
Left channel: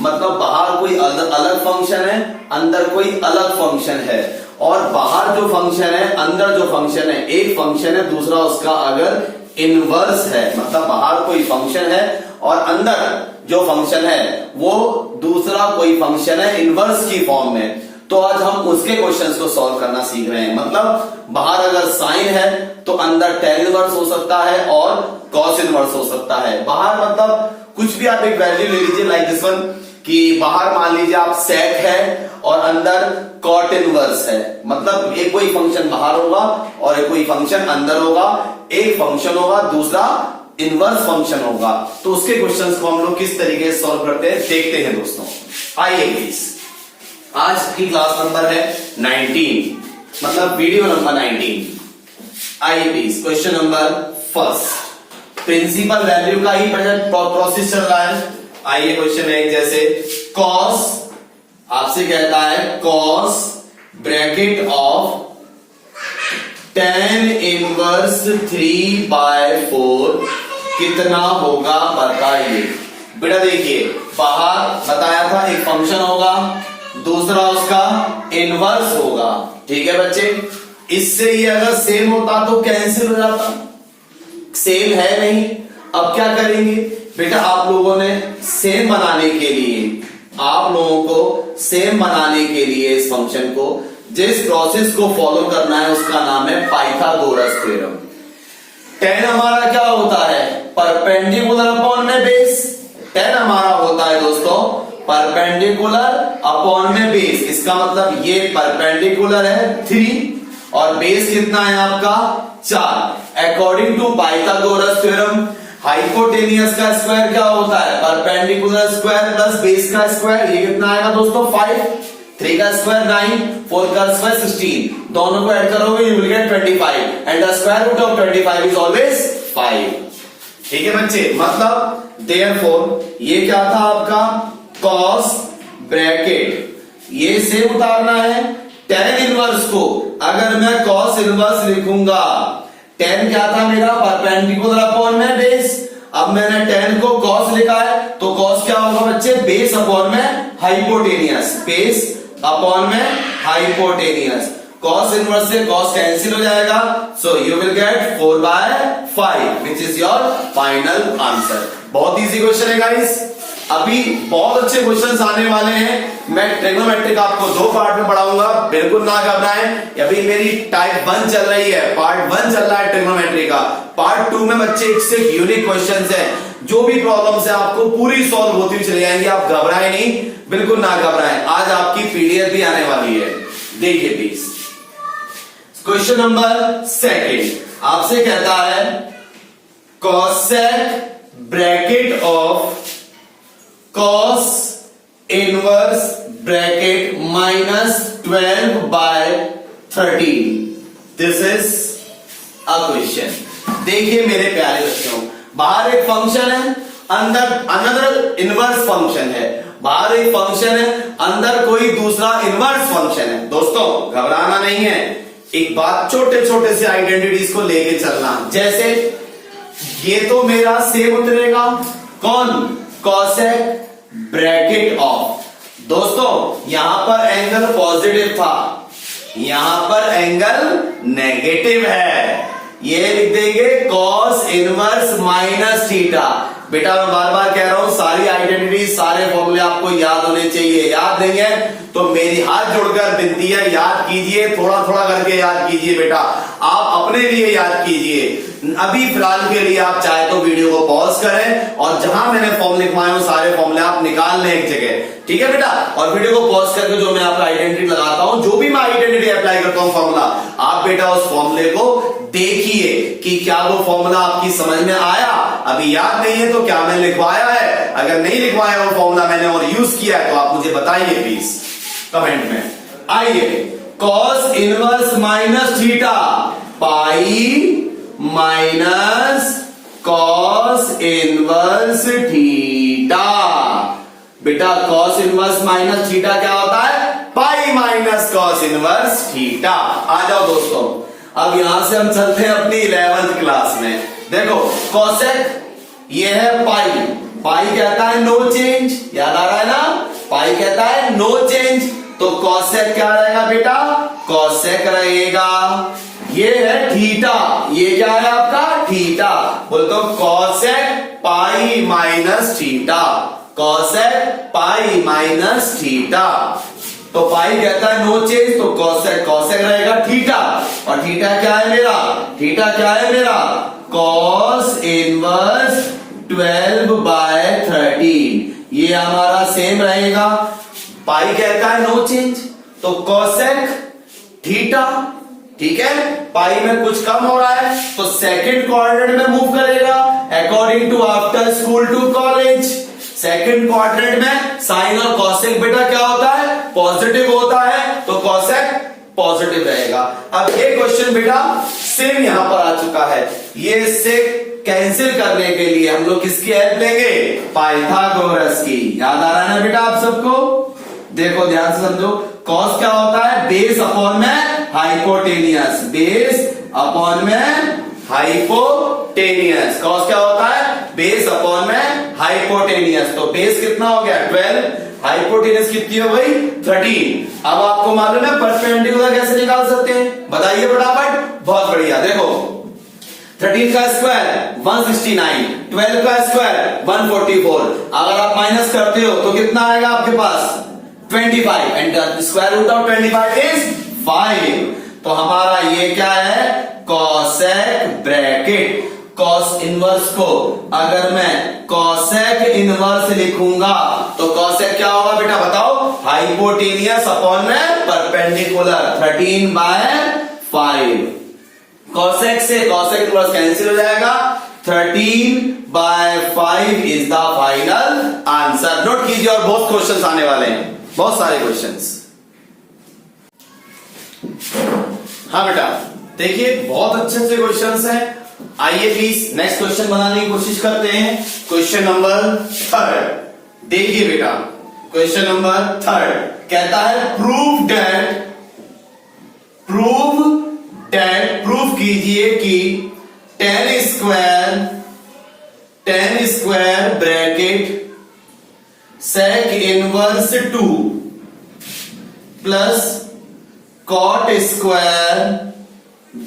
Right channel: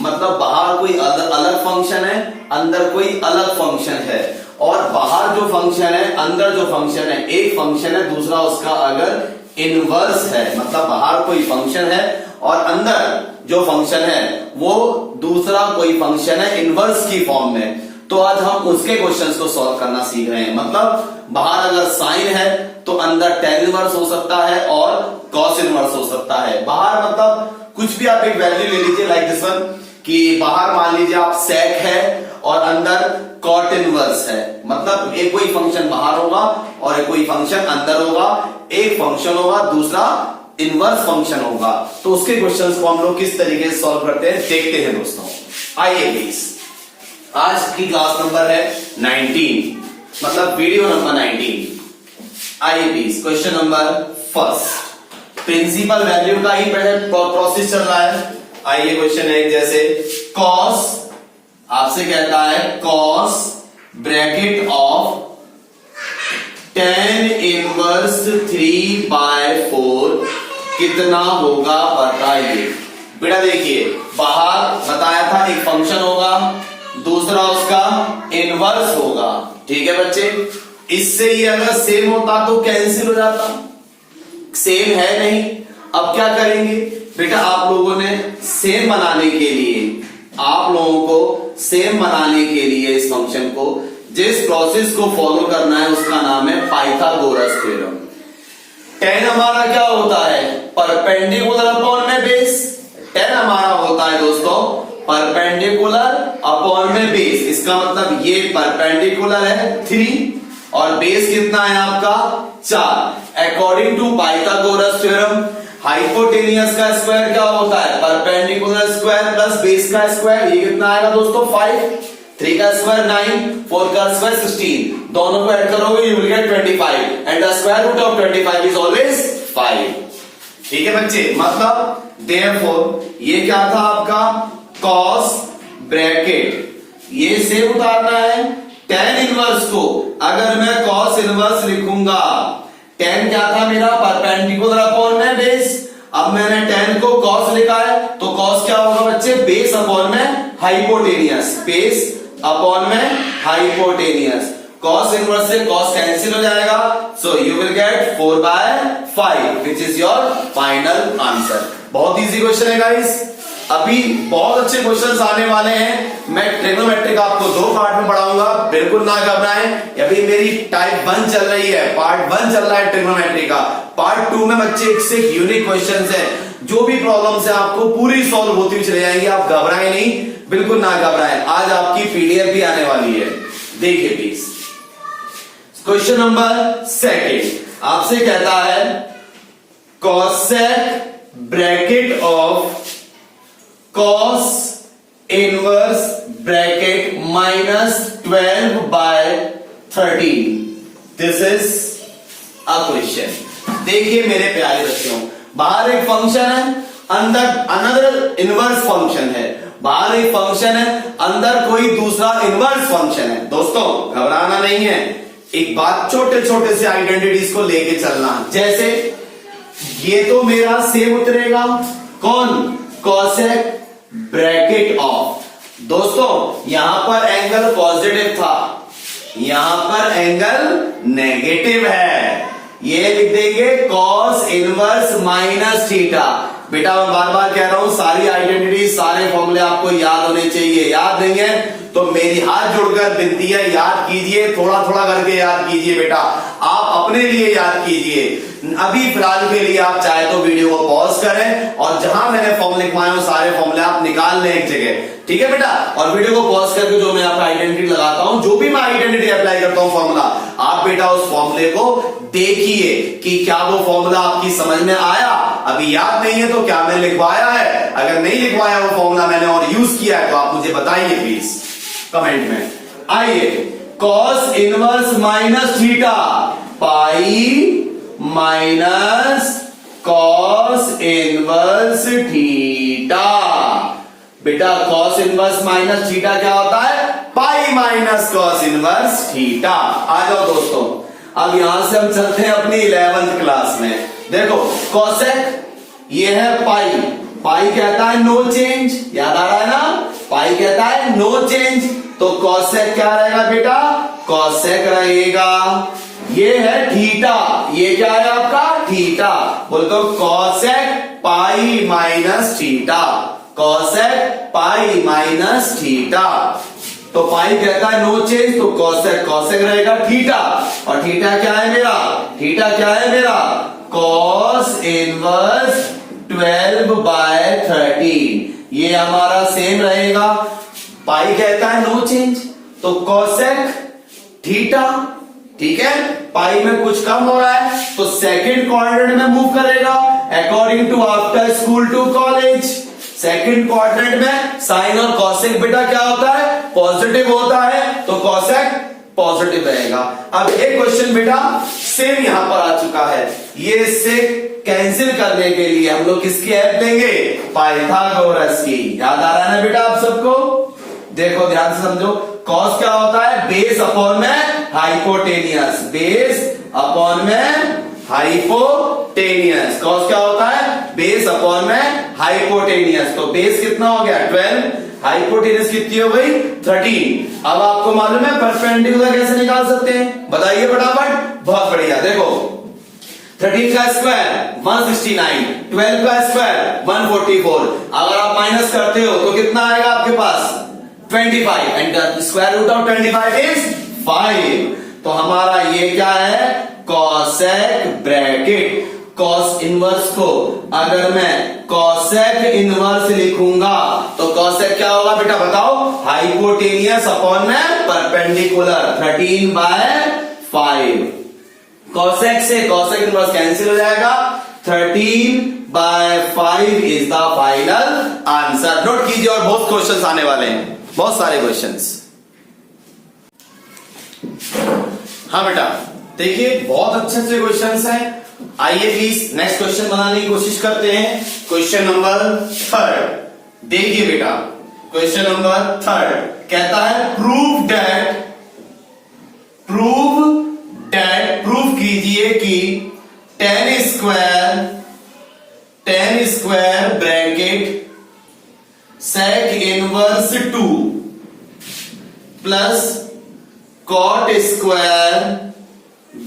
मतलब बाहर कोई अलग फंक्शन है, अंदर कोई अलग फंक्शन है, और बाहर जो फंक्शन है अंदर जो फंक्शन है एक फंक्शन है, दूसरा उसका अगर इनवर्स है, मतलब बाहर कोई फंक्शन है और अंदर जो फंक्शन है वो दूसरा कोई फंक्शन है इनवर्स की फॉर्म में, तो आज हम उसके क्वेश्चंस को सॉल्व करना सीख रहे हैं। मतलब बाहर अगर साइन है तो अंदर टेन इनवर्स हो सकता है और कॉस इनवर्स हो सकता है। बाहर मतलब कुछ भी आप एक वैल्यू ले लीजिए लाइक दिस वन, कि बाहर मान लीजिए आप सेक है और अंदर कॉट इनवर्स है, मतलब एक कोई फंक्शन बाहर होगा और एक कोई फंक्शन अंदर होगा, एक फंक्शन होगा दूसरा इनवर्स फंक्शन होगा। तो उसके क्वेश्चंस को हम लोग किस तरीके से सॉल्व करते हैं देखते हैं दोस्तों। आइए प्लीज, आज की क्लास नंबर है 19, मतलब वीडियो नंबर 19। आइए please, question number first, principal value का ही पहले प्रोसेस चल रहा है। आइए क्वेश्चन है जैसे कॉस, आपसे कहता है cos bracket of tan inverse 3/4 कितना होगा बताइए। बेटा देखिए, बाहर बताया था एक फंक्शन होगा, दूसरा उसका इनवर्स होगा, ठीक है बच्चे। इससे ही अगर सेम होता तो कैंसिल हो जाता, सेम है नहीं। अब क्या करेंगे बेटा, आप लोगों ने सेम बनाने के लिए, आप लोगों को सेम बनाने के लिए इस फंक्शन को जिस प्रोसेस को फॉलो करना है उसका नाम है पाइथागोरस थ्योरम। tan हमारा क्या होता है, परपेंडिकुलर अपॉन में बेस। tan हमारा होता है दोस्तों परपेंडिकुलर अपॉन में बेस, इसका मतलब ये परपेंडिकुलर है 3 और बेस कितना है आपका 4। According to Pythagoras theorem hypotenuse का स्क्वायर क्या होता है, परपेंडिकुलर स्क्वायर प्लस बेस का स्क्वायर, ये कितना आएगा दोस्तों 5, 3 का स्क्वायर 9, 4 का स्क्वायर 16, दोनों को ऐड करोगे you will get 25 and the square root of 25 is always 5। ठीक है बच्चे, मतलब देयरफॉर ये क्या था आपका कॉस ब्रैकेट, ये सेम उतारना है tan इनवर्स को। अगर मैं कॉस इनवर्स लिखूंगा, tan क्या था मेरा परपेंडिकुलर अपॉन में बेस, अब मैंने tan को cos लिखा है तो cos क्या होगा बच्चे, बेस अपॉन में हाइपोटेनियस, बेस अपॉन में हाइपोटेनियस। cos इनवर्स से cos कैंसिल हो जाएगा, so you will gate 4/5 which is your final answer. बहुत इजी क्वेश्चन है गाइस, अभी बहुत अच्छे क्वेश्चंस आने वाले हैं। मैं ट्रिग्नोमेट्री का आपको 2 पार्ट में पढ़ाऊंगा, बिल्कुल ना घबराएं। अभी मेरी टाइप 1 चल रही है, पार्ट 1 चल रहा है ट्रिग्नोमेट्री का। पार्ट 2 में बच्चे एक से यूनिक क्वेश्चंस हैं, जो भी प्रॉब्लम्स है आपको पूरी सॉल्व होती हुई चली जाएंगी, आप घबराएं नहीं, बिल्कुल ना घबराएं। आज आपकी पीडीएफ भी आने वाली है, देखिए प्लीज। क्वेश्चन नंबर 2 आपसे कहता है cosec bracket of cos inverse bracket -12/13, this is a question. देखिए मेरे प्यारे बच्चों, बाहर एक फंक्शन है, अंदर अनदर इनवर्स फंक्शन है, बाहर एक फंक्शन है, अंदर कोई दूसरा इनवर्स फंक्शन है। दोस्तों घबराना नहीं है, एक बात छोटे छोटे से आइडेंटिटीज को लेके चलना। जैसे ये तो मेरा सेम उतरेगा, कौन, कॉसेक ब्रैकेट ऑफ, दोस्तों यहां पर एंगल पॉजिटिव था, यहां पर एंगल नेगेटिव है, ये लिख देंगे कॉस इनवर्स माइनस थीटा। बेटा मैं बार बार कह रहा हूं, सारी आइडेंटिटी सारे फॉर्मूले आपको याद होने चाहिए। याद नहीं है तो मेरी हाथ जोड़कर विनती है, याद कीजिए, थोड़ा थोड़ा करके याद कीजिए बेटा, आप अपने लिए याद कीजिए। अभी फिलहाल के लिए आप चाहे तो वीडियो को पॉज करें और जहां मैंने फॉर्मूले लिखवाए हो सारे फॉर्मूले आप निकाल लें एक जगह, ठीक है बेटा। और वीडियो को पॉज करके जो मैं आपका आइडेंटिटी लगाता हूं, जो भी मैं आइडेंटिटी अप्लाई करता हूं फॉर्मूला, आप बेटा उस फॉर्मूले को देखिए कि क्या वो फॉर्मूला आपकी समझ में आया। अभी याद नहीं है तो क्या मैंने लिखवाया है, अगर नहीं लिखवाया वो फॉर्मूला मैंने और यूज किया है तो आप मुझे बताइए प्लीज कमेंट में। आइए, cos inverse minus theta pi minus cos inverse theta. बेटा कॉस इनवर्स माइनस थीटा क्या होता है, pi minus cos inverse theta. आ जाओ दोस्तों, अब यहां से हम चलते हैं अपनी 11th क्लास में। देखो कॉसेक ये है पाई, पाई कहता है नो चेंज, याद आ रहा है ना, पाई कहता है नो चेंज, तो कॉसेक क्या रहेगा बेटा, कॉसेक रहेगा। ये है थीटा, ये क्या है आपका थीटा, बोल तो cosec pi minus theta, cosec pi minus theta. तो पाई कहता है नो चेंज, तो कॉसेक कॉसेक रहेगा थीटा, और थीटा क्या है मेरा, थीटा क्या है मेरा, कॉस इनवर्स 12/13, ये हमारा सेम रहेगा। पाई कहता है नो चेंज, तो कॉसेक थीटा, ठीक है, पाई में कुछ कम हो रहा है तो सेकंड क्वाड्रेंट में मूव करेगा according to after school to college. Second quadrant में साइन और कॉसेक बेटा क्या होता है, पॉजिटिव होता है, तो कॉसेक पॉजिटिव रहेगा। अब ये क्वेश्चन बेटा सेम यहां पर आ चुका है, ये इससे कैंसिल करने के लिए हम लोग किसकी हेल्प लेंगे, पाइथागोरस की। याद आ रहा है ना बेटा आप सबको, देखो ध्यान से समझो, कॉस क्या होता है, बेस अपॉन में हाइपोटेनियस, बेस अपॉन में हाइपोटेनियस, कॉस क्या होता है, बेस अपॉन में हाइपोटेनियस, तो बेस कितना हो गया 12, हाइपोटेनियस कितनी हो गई 13। अब आपको मालूम है परपेंडिकुलर कैसे निकाल सकते हैं, बताइए फटाफट, बहुत बढ़िया। देखो 13 का स्क्वायर 169, 12 का स्क्वायर 144, अगर आप माइनस करते हो तो कितना आएगा आपके पास 25, and square root of 25 is 5। तो हमारा ये क्या है, कॉसेक ब्रैकेट, कॉस इनवर्स को अगर मैं कॉसेक इनवर्स लिखूंगा तो कॉसेक क्या होगा बेटा बताओ, हाइपोटेनियस अपॉन में परपेंडिकुलर 13/5, कॉसेक से कॉसेक इनवर्स कैंसिल हो जाएगा, 13/5 is the final answer. Note कीजिए, और बहुत क्वेश्चंस आने वाले हैं, बहुत सारे क्वेश्चंस। हाँ बेटा देखिए बहुत अच्छे अच्छे क्वेश्चंस हैं, आइए प्लीज नेक्स्ट क्वेश्चन बनाने की कोशिश करते हैं। क्वेश्चन नंबर 3 देखिए बेटा, क्वेश्चन नंबर 3 कहता है प्रूव दैट प्रूव कीजिए कि 10 square bracket sec inverse 2 plus cot square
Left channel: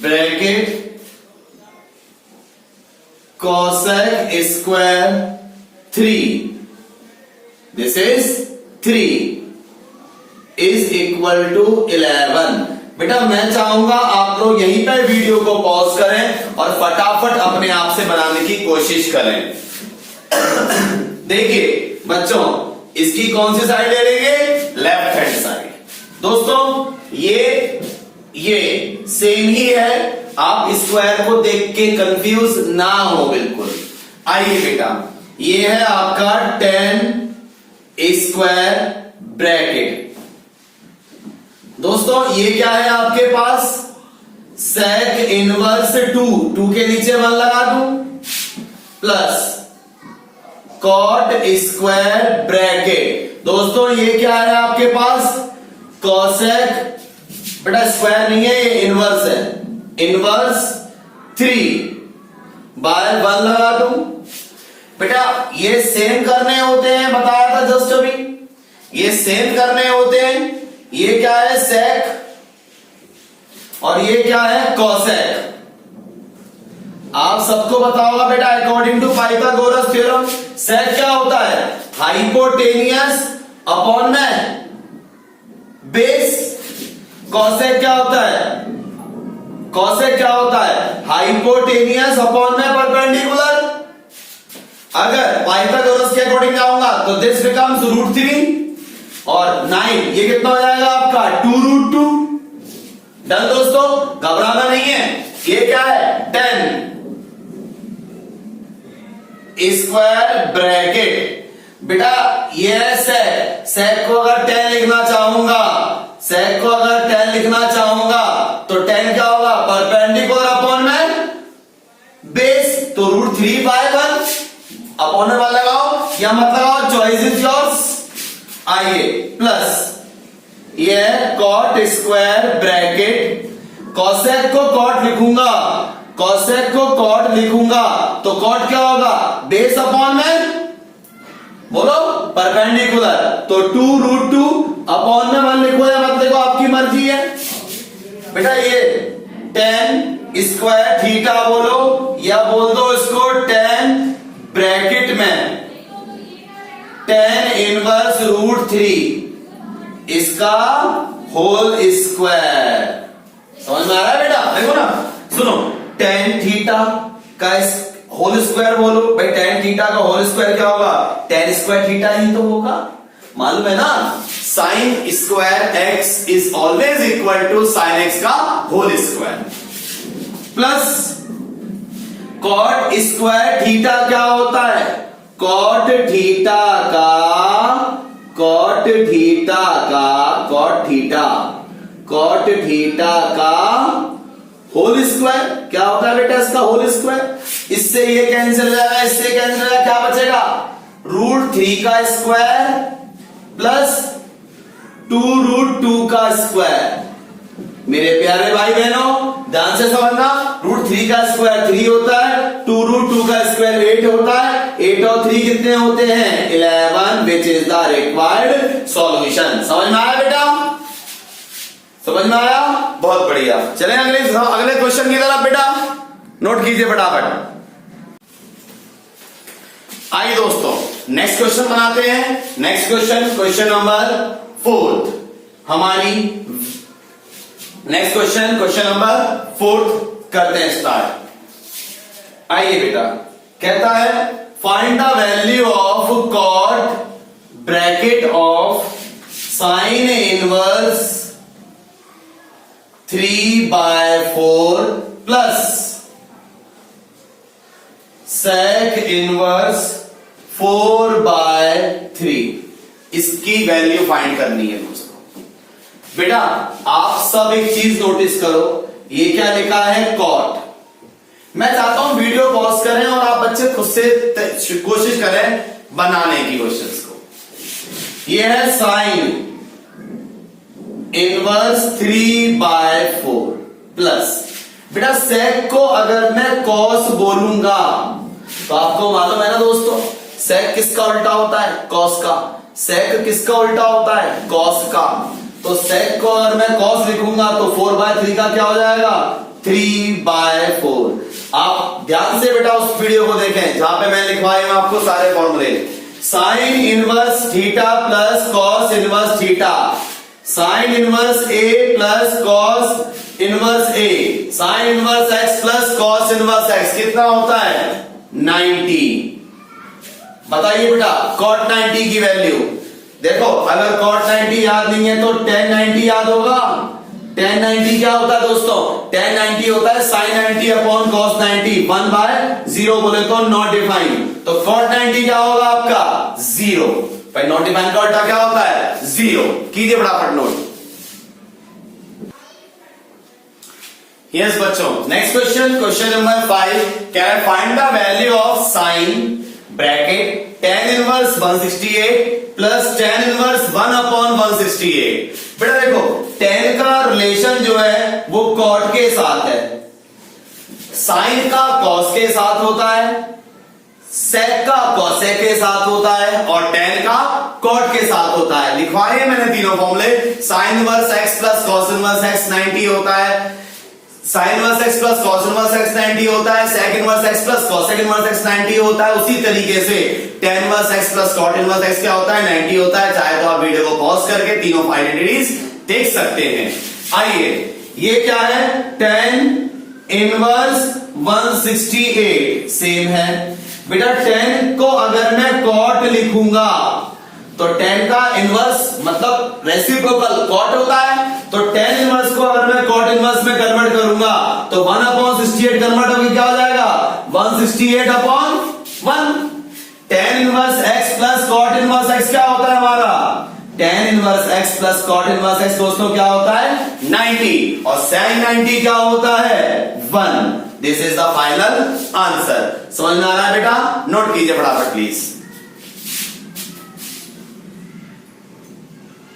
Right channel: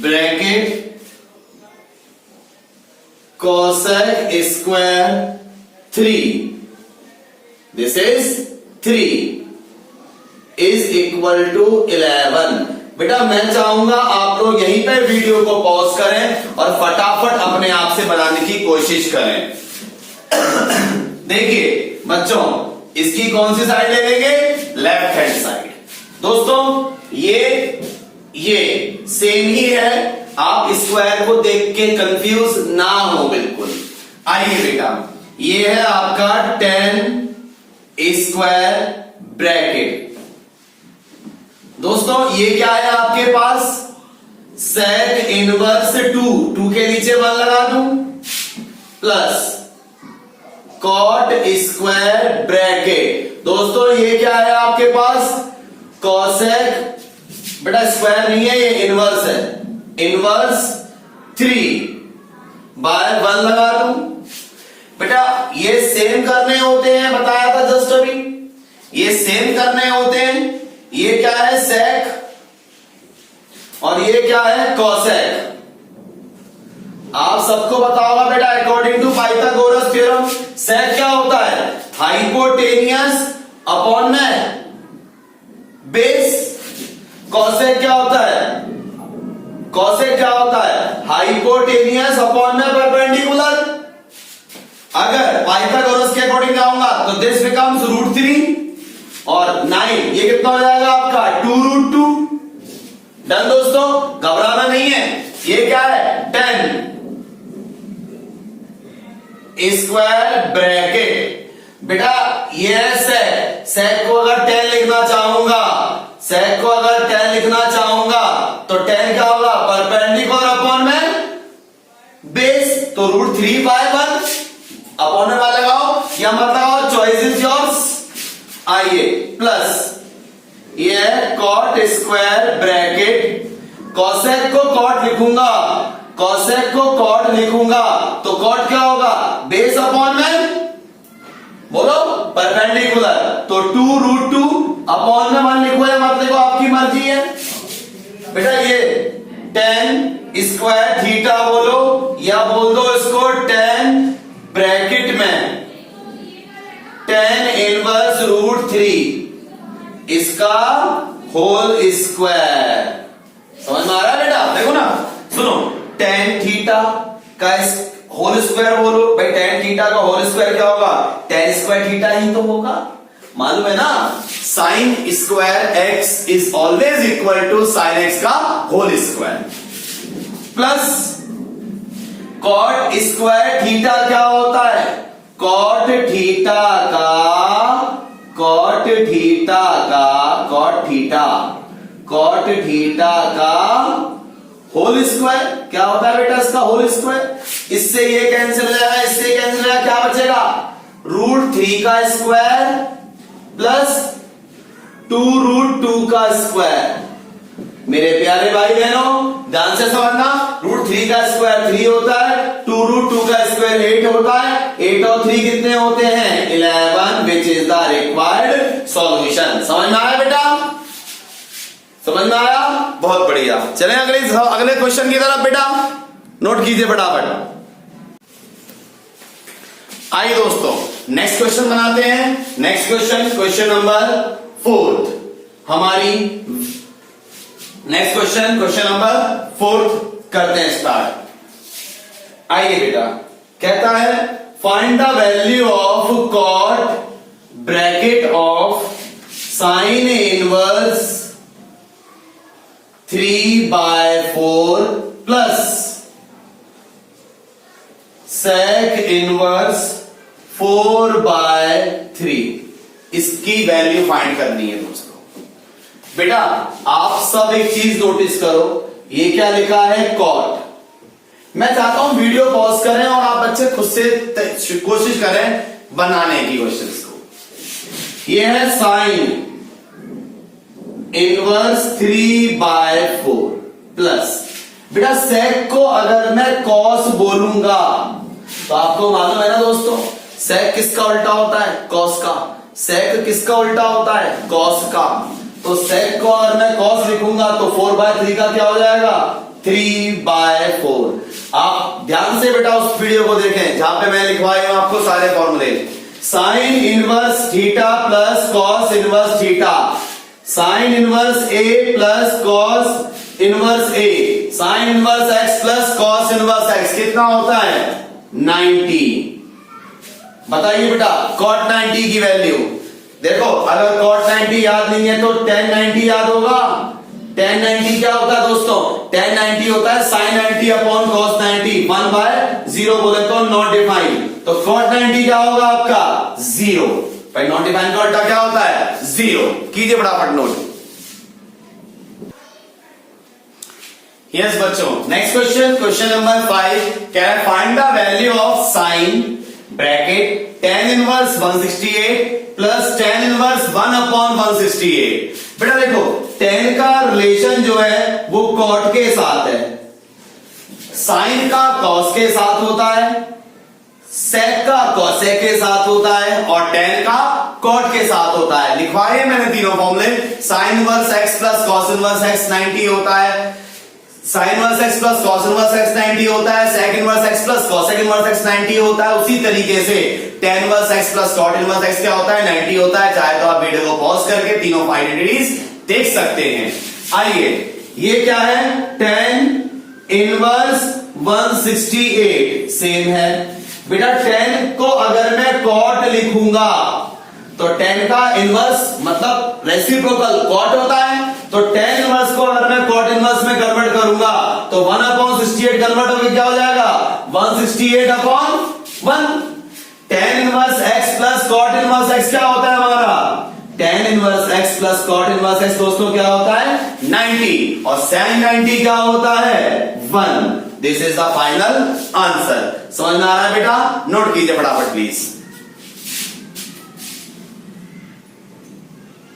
bracket cosec square 3, this is 3 is equal to 11। बेटा मैं चाहूंगा आप लोग यहीं पे वीडियो को पॉज करें और फटाफट अपने आप से बनाने की कोशिश करें। देखिए बच्चों इसकी कौन सी साइड ले लेंगे, लेफ्ट हैंड साइड। दोस्तों ये सेम ही है, आप स्क्वायर को देख के कंफ्यूज ना हो बिल्कुल। आइए बेटा ये है आपका 10 स्क्वायर ब्रैकेट, दोस्तों ये क्या है आपके पास, सेक इनवर्स 2 के नीचे 1 लगा दूं, प्लस कॉट स्क्वायर ब्रैकेट, दोस्तों ये क्या है आपके पास, कॉसेक, बेटा स्क्वायर नहीं है ये इनवर्स है, इनवर्स 3/1 लगा दूं। बेटा ये सेम करने होते हैं, बताया था जस्ट अभी, ये सेम करने होते हैं। ये क्या है सेक और ये क्या है कॉसेक। आप सबको पता होगा बेटा अकॉर्डिंग टू पाइथागोरस थ्योरम सेक क्या होता है, हाइपोटेनियस अपॉन में बेस। कॉसेक क्या होता है, कॉसेक क्या होता है, हाइपोटेनियस अपॉन में परपेंडिकुलर। अगर पाइथागोरस के अकॉर्डिंग आऊंगा तो दिस बिकम्स √3 और 9, ये कितना हो जाएगा आपका 2√2। डन दोस्तों, घबराना नहीं है। ये क्या है 10 स्क्वायर ब्रैकेट, बेटा ये है सेक को अगर 10 लिखना चाहूंगा, सेक को अगर 10 लिखना चाहूंगा तो 10 क्या होगा, परपेंडिकुलर अपॉन में बेस, तो √3/1 अपॉन में लगाओ या मत लगाओ, चॉइस इज योर्स। आइए प्लस ये है कॉट स्क्वायर ब्रैकेट, कॉसेक को कॉट लिखूंगा, कॉसेक को कॉट लिखूंगा तो कॉट क्या होगा, बेस अपॉन में बोलो परपेंडिकुलर, तो 2√2 अपॉन में 1 लिखो या मत लिखो, आपकी मर्जी है बेटा। ये tan स्क्वायर थीटा बोलो या बोल दो इसको tan ब्रैकेट में tan इनवर्स √3 इसका होल स्क्वायर। समझ में आ रहा है बेटा? देखो ना, सुनो, tan थीटा का होल स्क्वायर बोलो भाई, tan थीटा का होल स्क्वायर क्या होगा? tan स्क्वायर थीटा ही तो होगा, मालूम है ना। Sine square x is always equal to sine x का whole square plus cot square theta क्या होता है? कॉट थीटा का होल स्क्वायर क्या होता है बेटा? इसका होल स्क्वायर। इससे ये कैंसिल हो जाएगा, इससे कैंसिल हो जाएगा, क्या बचेगा? √3 का स्क्वायर प्लस 2√2 का स्क्वायर। मेरे प्यारे भाई बहनों ध्यान से समझना, √3 का स्क्वायर 3 होता है, 2√2 का स्क्वायर 8 होता है, 8 और 3 कितने होते हैं? 11, which is the required solution. समझ में आया बेटा? समझ में आया? बहुत बढ़िया। चलें अगले क्वेश्चन की तरफ बेटा, नोट कीजिए फटाफट। आइए दोस्तों नेक्स्ट क्वेश्चन बनाते हैं। नेक्स्ट क्वेश्चन नंबर 4 हमारी नेक्स्ट क्वेश्चन नंबर 4 करते हैं स्टार्ट। आइए बेटा, कहता है find the value of cot bracket of sine inverse 3/4 plus sec inverse 4/3। इसकी वैल्यू फाइंड करनी है दोस्तों। बेटा आप सब एक चीज नोटिस करो, ये क्या लिखा है? कॉट। मैं चाहता हूं वीडियो पॉज करें और आप बच्चे खुद से कोशिश करें बनाने की क्वेश्चंस को। ये है साइन इनवर्स 3/4 प्लस, बेटा सेक को अगर मैं कॉस बोलूंगा तो आपको मालूम है ना दोस्तों, सेक किसका उल्टा होता है? कॉस का। सेक किसका उल्टा होता है? कॉस का। तो सेक को अगर मैं कॉस लिखूंगा तो 4/3 का क्या हो जाएगा? 3/4। आप ध्यान से बेटा उस वीडियो को देखें जहां पे मैं लिखवाई हूं आपको सारे फॉर्मूले। Sine inverse theta plus cos inverse theta, sine inverse A plus cos inverse A, sine inverse x plus cos inverse x कितना होता है? 90। बताइए बेटा कॉट 90 की वैल्यू। देखो अगर कॉट 90 याद नहीं है तो tan 90 याद होगा। tan 90 क्या होता है दोस्तों? tan 90 होता है sin 90 अपॉन cos 90, 1/0 बोले तो नॉट डिफाइंड। तो cot 90 क्या होगा आपका? 0। भाई नॉट डिफाइंड का उल्टा क्या होता है? 0। कीजिए फटाफट नोट। यस बच्चों, नेक्स्ट क्वेश्चन नंबर 5 क्या है? Find the value of sine bracket tan inverse 168 plus tan inverse 1/168। बेटा देखो tan का रिलेशन जो है वो cot के साथ है, साइन का cos के साथ होता है, sec का cosec के साथ होता है और tan का cot के साथ होता है। लिखवाए मैंने तीनों फॉर्मूले। Sine inverse x plus cos inverse x 90 होता है, sine inverse x plus cos inverse x 90 होता है, sec inverse x plus cosec inverse x 90 होता है। उसी तरीके से tan inverse x plus cot inverse x क्या होता है? 90 होता है। चाहे तो आप वीडियो को पॉज करके तीनों आइडेंटिटीज देख सकते हैं। आइए ये क्या है? tan इनवर्स 168 सेम है बेटा। tan को अगर मैं cot लिखूंगा तो tan का इनवर्स मतलब रेसिप्रोकल cot होता है, तो tan इनवर्स को अगर मैं cot इनवर्स में कन्वर्ट करूंगा तो 1/68 कन्वर्ट होकर क्या हो जाएगा? 168/1। tan inverse x plus cot inverse x क्या होता है हमारा? tan inverse x plus cot inverse x दोस्तों क्या होता है? 90। और sin 90 क्या होता है? 1। This is the final answer. समझ में आ रहा है बेटा? नोट कीजिए फटाफट प्लीज।